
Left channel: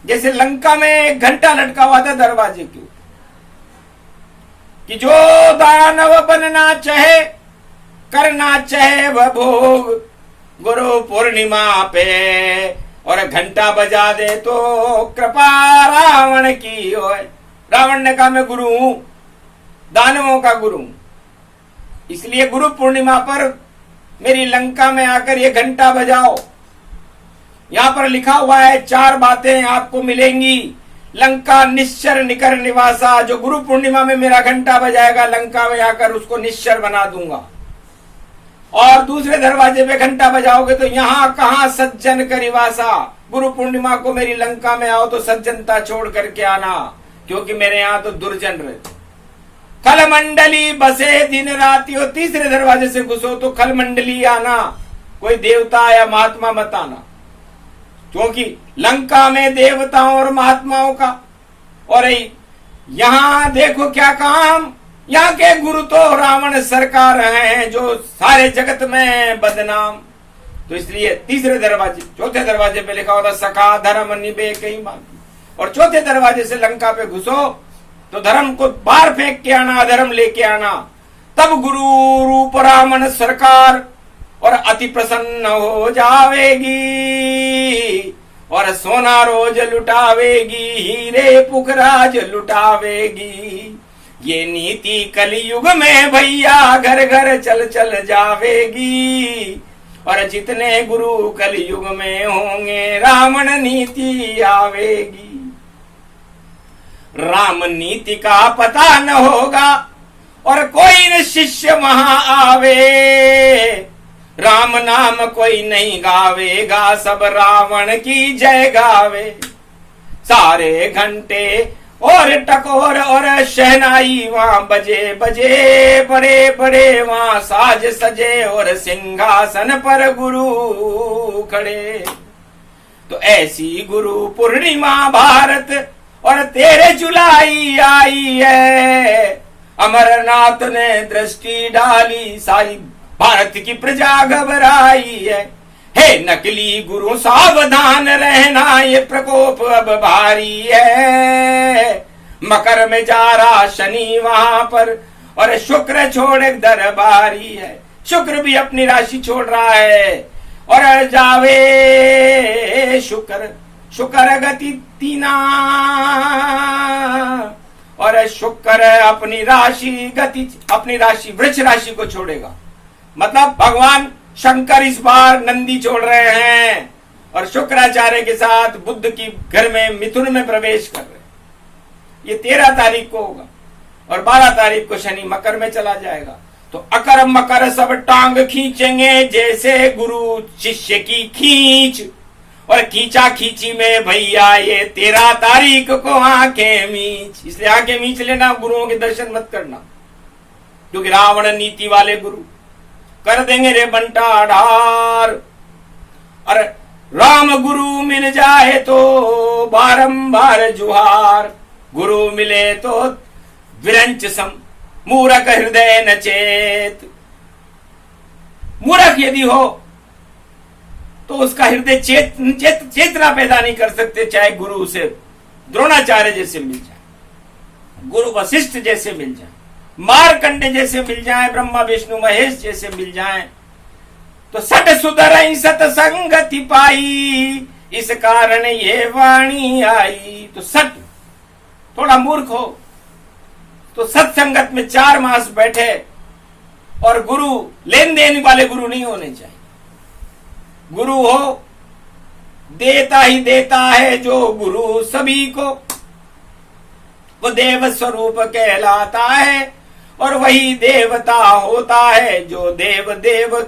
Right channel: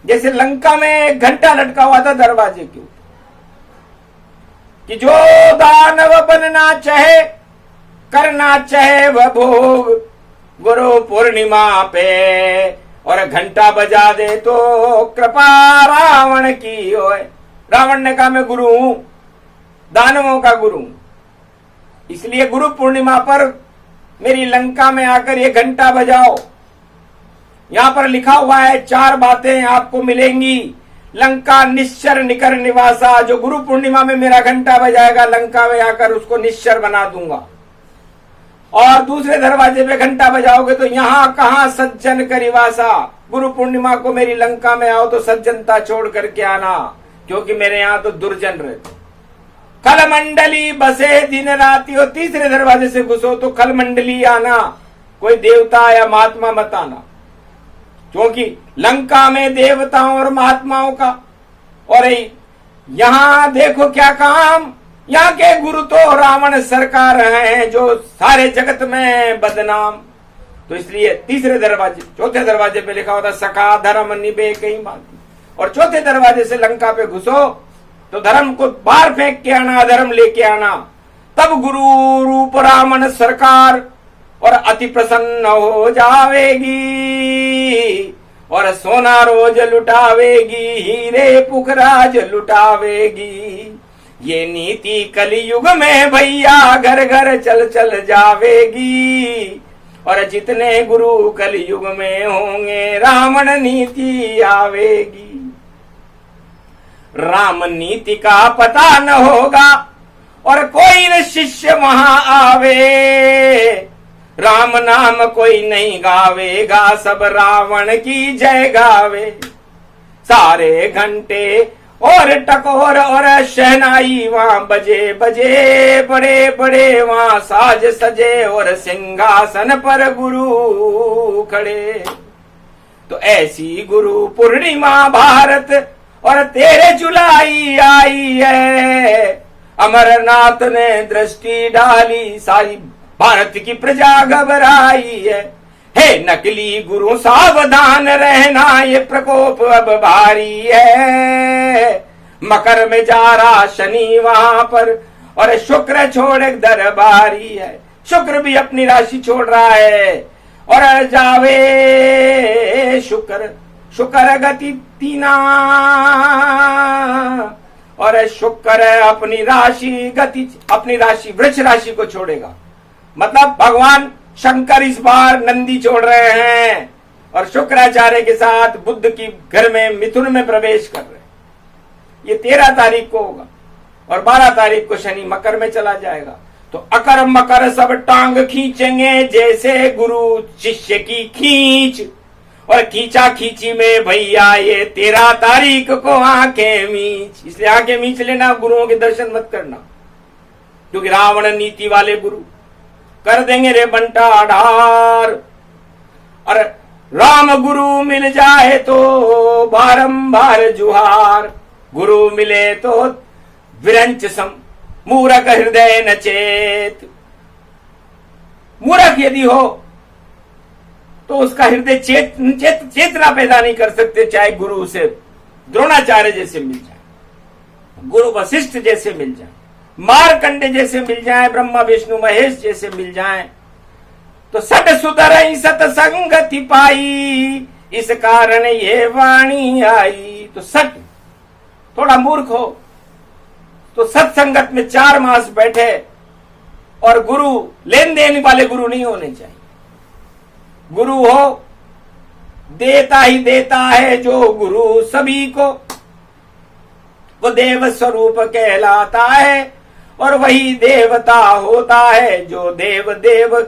जैसे लंका में एक घंटा लटका हुआ था दरवाजे के ऊपर कि जो दानव बनना चाहे करना चाहे वह भोग गुरु पूर्णिमा पे और घंटा बजा दे तो कृपा रावण की होए। रावण ने कहा मैं गुरु हूं, दानवों का गुरु हूं, इसलिए गुरु पूर्णिमा पर मेरी लंका में आकर ये घंटा बजाओ। यहां पर लिखा हुआ है 4 बातें आपको मिलेंगी। लंका निश्चर निकर निवासा, जो गुरु पूर्णिमा में मेरा घंटा बजाएगा लंका में आकर उसको निश्चर बना दूंगा। और दूसरे दरवाजे पे घंटा बजाओगे तो यहां कहां सज्जन करिवासा, गुरु पूर्णिमा को मेरी लंका में आओ तो सज्जनता छोड़ करके आना, क्योंकि मेरे यहां तो दुर्जन रहते। खल मंडली बसे दिन राति, और तीसरे दरवाजे से घुसो तो खल मंडली आना, कोई देवता या महात्मा मत आना, क्योंकि लंका में देवताओं और महात्माओं का। और यहां देखो क्या काम, यहाँ के गुरु तो रावण सरकार हैं जो सारे जगत में बदनाम। तो इसलिए तीसरे दरवाजे चौथे दरवाजे पे लिखा होता सखा धर्म निभे कहीं बाकी। और चौथे दरवाजे से लंका पे घुसो तो धर्म को बाहर फेंक के आना, अधर्म लेके आना, तब गुरु रूप रावण सरकार और अति प्रसन्न हो जावेगी और सोना रोज लुटावेगी, हीरे पुखराज लुटावेगी। ये नीति कलयुग में भैया घर घर चल चल जावेगी और जितने गुरु कलयुग में होंगे रावण नीति आवेगी। राम नीति का पता न होगा और कोई न शिष्य वहां आवे, राम नाम कोई नहीं गावेगा, सब रावण की जय गावे। सारे घंटे और टकोर और शहनाई वहां बजे बजे, बड़े बड़े वहां साज सजे और सिंहासन पर गुरु खड़े। तो ऐसी गुरु पूर्णिमा भारत और तेरे जुलाई आई है, अमरनाथ ने दृष्टि डाली, सारी भारत की प्रजा घबराई है। हे नकली गुरु सावधान रहना, ये प्रकोप अब भारी है। मकर में जा रहा शनि वहां पर और शुक्र छोड़ दरबारी है। शुक्र भी अपनी राशि छोड़ रहा है और जावे शुक्र, शुक्र गति तीना और शुक्र अपनी राशि वृक्ष राशि को छोड़ेगा। मतलब भगवान शंकर इस बार नंदी छोड़ रहे हैं और शुक्राचार्य के साथ बुद्ध की घर में मिथुन में प्रवेश कर रहे हैं। ये 13 तारीख को होगा और 12 तारीख को शनि मकर में चला जाएगा। तो अकर मकर सब टांग खींचेंगे जैसे गुरु शिष्य की खींच, और खींचा खींची में भैया ये 13 तारीख को आंखें मीच। इसलिए आंखें मीच लेना, गुरुओं के दर्शन मत करना, क्योंकि रावण नीति वाले गुरु कर देंगे रे बंटा ढार। और राम गुरु मिल जाए तो बारंबार जुहार, गुरु मिले तो विरंच सम मूरख हृदय न चेत। मूर्ख यदि हो तो उसका हृदय चेतना पैदा नहीं कर सकते, चाहे गुरु उसे द्रोणाचार्य जैसे मिल जाए, गुरु वशिष्ठ जैसे मिल जाए, मारकंडे जैसे मिल जाए, ब्रह्मा विष्णु महेश जैसे मिल जाए। तो सट सुधर सतसंगति पाई, इस कारण ये वाणी आई। तो सट थोड़ा मूर्ख हो तो सत्संगत में 4 मास बैठे, और गुरु लेन देन वाले गुरु नहीं होने चाहिए। गुरु हो देता ही देता है जो गुरु सभी को, वो देव स्वरूप कहलाता है, और वही देवता होता है जो देव देव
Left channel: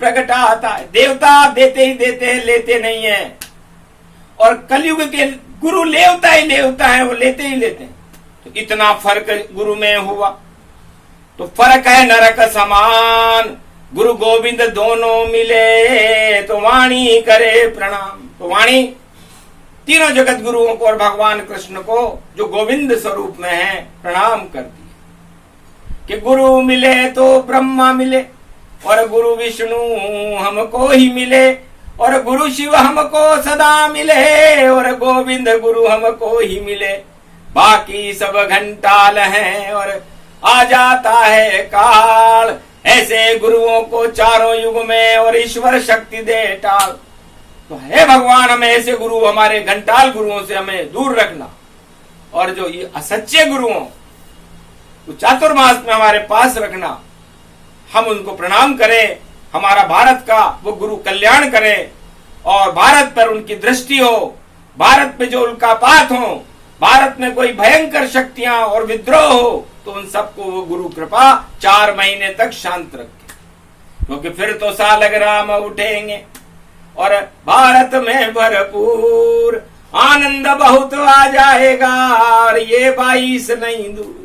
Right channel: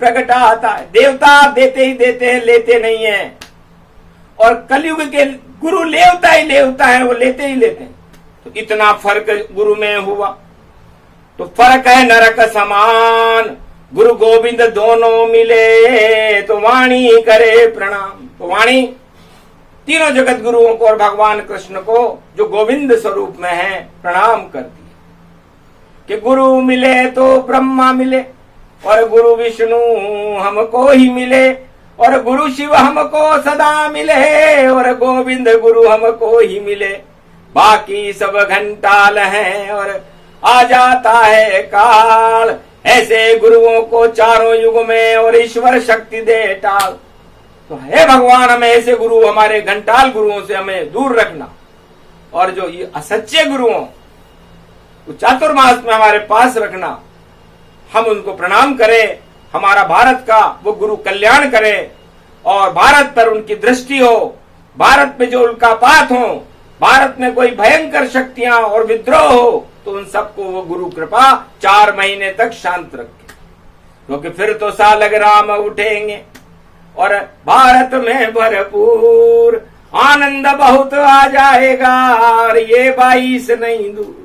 प्रकटाता है। देवता देते ही देते हैं, लेते नहीं है। और कलयुग के गुरु लेवता ही लेवता है, वो लेते ही लेते हैं। तो इतना फर्क गुरु में हुआ। तो फर्क है नरक समान, गुरु गोविंद दोनों मिले तो वाणी करे प्रणाम। तो वाणी तीनों जगत गुरुओं को और भगवान कृष्ण को जो गोविंद स्वरूप में है प्रणाम करती है। कि गुरु मिले तो ब्रह्मा मिले, और गुरु विष्णु हमको ही मिले, और गुरु शिव हमको सदा मिले, और गोविंद गुरु हमको ही मिले। बाकी सब घंटाल हैं और आ जाता है काल, ऐसे गुरुओं को चारों युग में और ईश्वर शक्ति दे टाल। तो हे भगवान, हमें ऐसे गुरु, हमारे घंटाल गुरुओं से हमें दूर रखना, और जो ये असच्चे गुरुओं को चातुर्मास में हमारे पास रखना। हम उनको प्रणाम करें, हमारा भारत का वो गुरु कल्याण करें, और भारत पर उनकी दृष्टि हो, भारत में जो उल्कापात हो, भारत में कोई भयंकर शक्तियां और विद्रोह हो, तो उन सबको वो गुरु कृपा 4 महीने तक शांत रखे, क्योंकि फिर तो सालग राम उठेंगे और भारत में भरपूर आनंद बहुत आ जाएगा, और ये 22 नहीं दूर।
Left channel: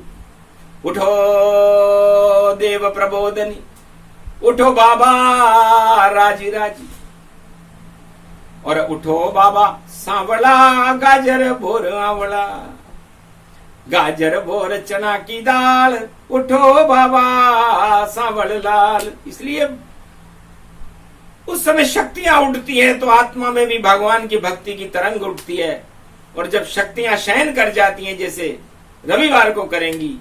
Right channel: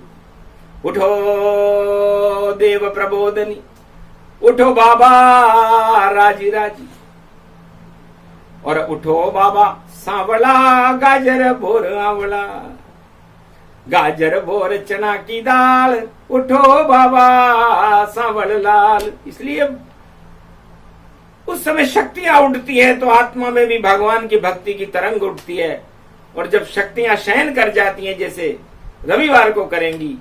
उठो देव प्रबोधनी, उठो बाबा राजी राजी, और उठो बाबा सांवला, गाजर भोर आंवला, गाजर भोर चना की दाल, उठो बाबा सांवल लाल। इसलिए उस समय शक्तियां उठती हैं तो आत्मा में भी भगवान की भक्ति की तरंग उठती है, और जब शक्तियां शयन कर जाती हैं, जैसे रविवार को करेंगी,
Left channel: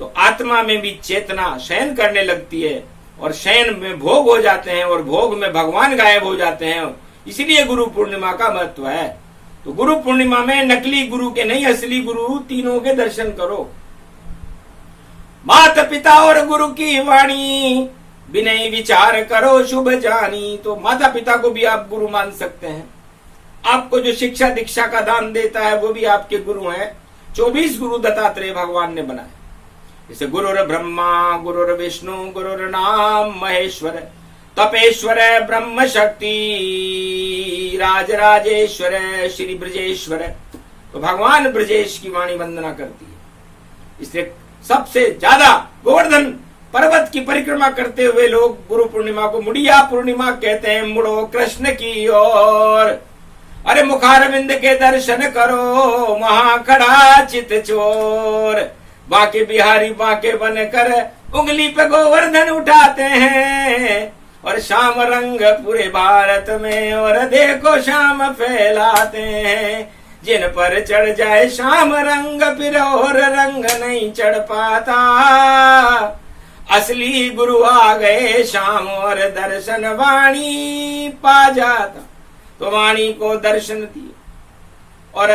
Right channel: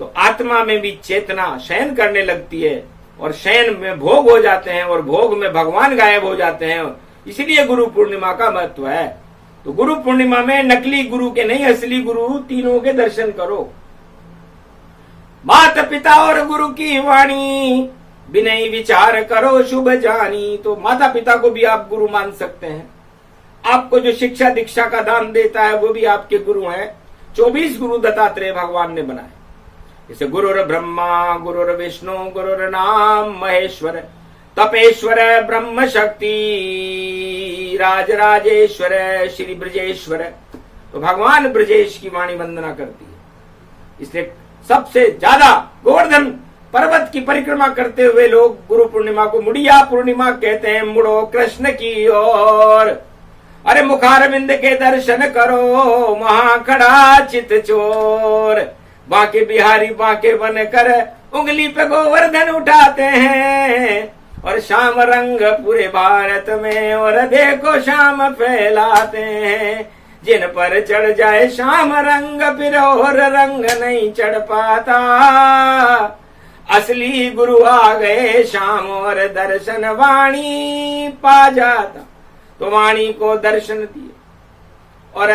तो आत्मा में भी चेतना शयन करने लगती है, और शयन में भोग हो जाते हैं, और भोग में भगवान गायब हो जाते हैं। इसलिए गुरु पूर्णिमा का महत्व है। तो गुरु पूर्णिमा में नकली गुरु के नहीं, असली गुरु तीनों के दर्शन करो। माता पिता और गुरु की वाणी, विनय विचार करो शुभ जानी। तो माता पिता को भी आप गुरु मान सकते हैं। आपको जो शिक्षा दीक्षा का दान देता है वो भी आपके गुरु हैं। 24 गुरु दत्तात्रेय भगवान ने बनाए। जैसे गुरुर ब्रह्मा, गुरुर विष्णु, गुरुर नाम महेश्वर, तपेश्वर ब्रह्म शक्ति, राजराजेश्वर श्री ब्रजेश्वर। तो भगवान ब्रजेश की वाणी वंदना करती है। इसलिए सबसे ज्यादा गोवर्धन पर्वत की परिक्रमा करते हुए लोग गुरु पूर्णिमा को मुड़िया पूर्णिमा कहते हैं। मुड़ो कृष्ण की ओर, अरे मुखारविंद के दर्शन करो, महाखड़ा चित चोर। बांके बिहारी बांके बनकर उंगली पे गोवर्धन उठाते हैं, और श्याम रंग पूरे भारत में और देखो श्याम फैलाते हैं। जिन पर चढ़ जाए श्याम रंग फिर और रंग नहीं चढ़ पाता। असली गुरु आ गए श्याम और दर्शन वाणी पा जाता। तो वाणी को दर्शन दिए, और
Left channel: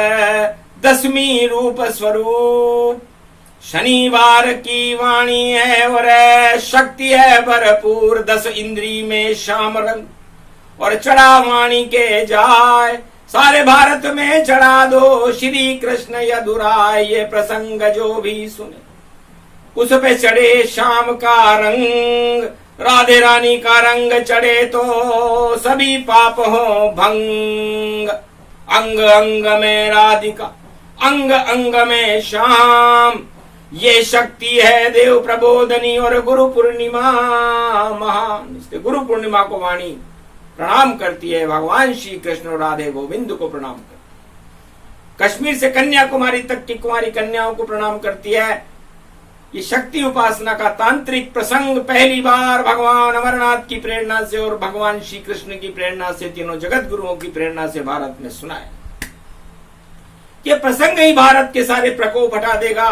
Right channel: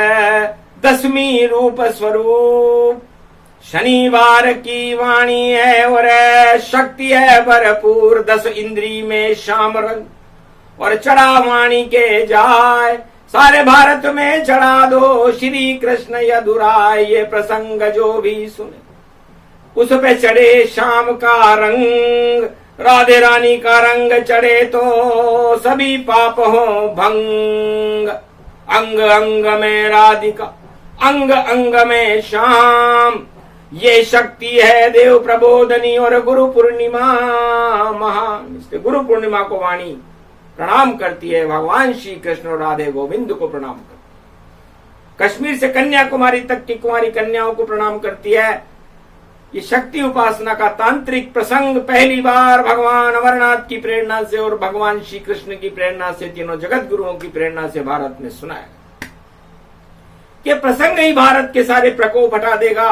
10वीं रूप स्वरूप शनिवार की वाणी है, और शक्ति है भरपूर। 10 इंद्री में श्याम रंग, और चढ़ा वाणी के जाए, सारे भारत में चढ़ा दो श्री कृष्ण यदुराय। ये प्रसंग जो भी सुने उस पे चढ़े श्याम का रंग, राधे रानी का रंग चढ़े तो सभी पाप हो भंग। अंग अंग में राधिका, अंग अंग में श्याम, ये शक्ति है देव प्रबोधनी और गुरु पूर्णिमा महान। इसलिए गुरु पूर्णिमा को वाणी प्रणाम करती है, भगवान श्री कृष्ण और राधे गोविंद को प्रणाम करती है। कश्मीर से कन्याकुमारी तक की कुमारी कन्याओं को प्रणाम करती है। ये शक्ति उपासना का तांत्रिक प्रसंग पहली बार भगवान अमरनाथ की प्रेरणा से और भगवान श्री कृष्ण की प्रेरणा से, तीनों जगत गुरुओं की प्रेरणा से भारत में सुना है। ये प्रसंग ही भारत के सारे प्रकोप हटा देगा,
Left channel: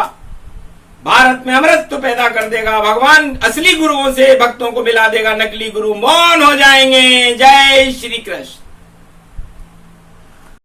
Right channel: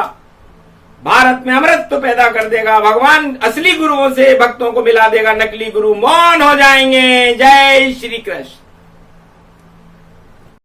भारत में अमृत पैदा कर देगा, भगवान असली गुरुओं से भक्तों को मिला देगा, नकली गुरु मौन हो जाएंगे। जय श्री कृष्ण।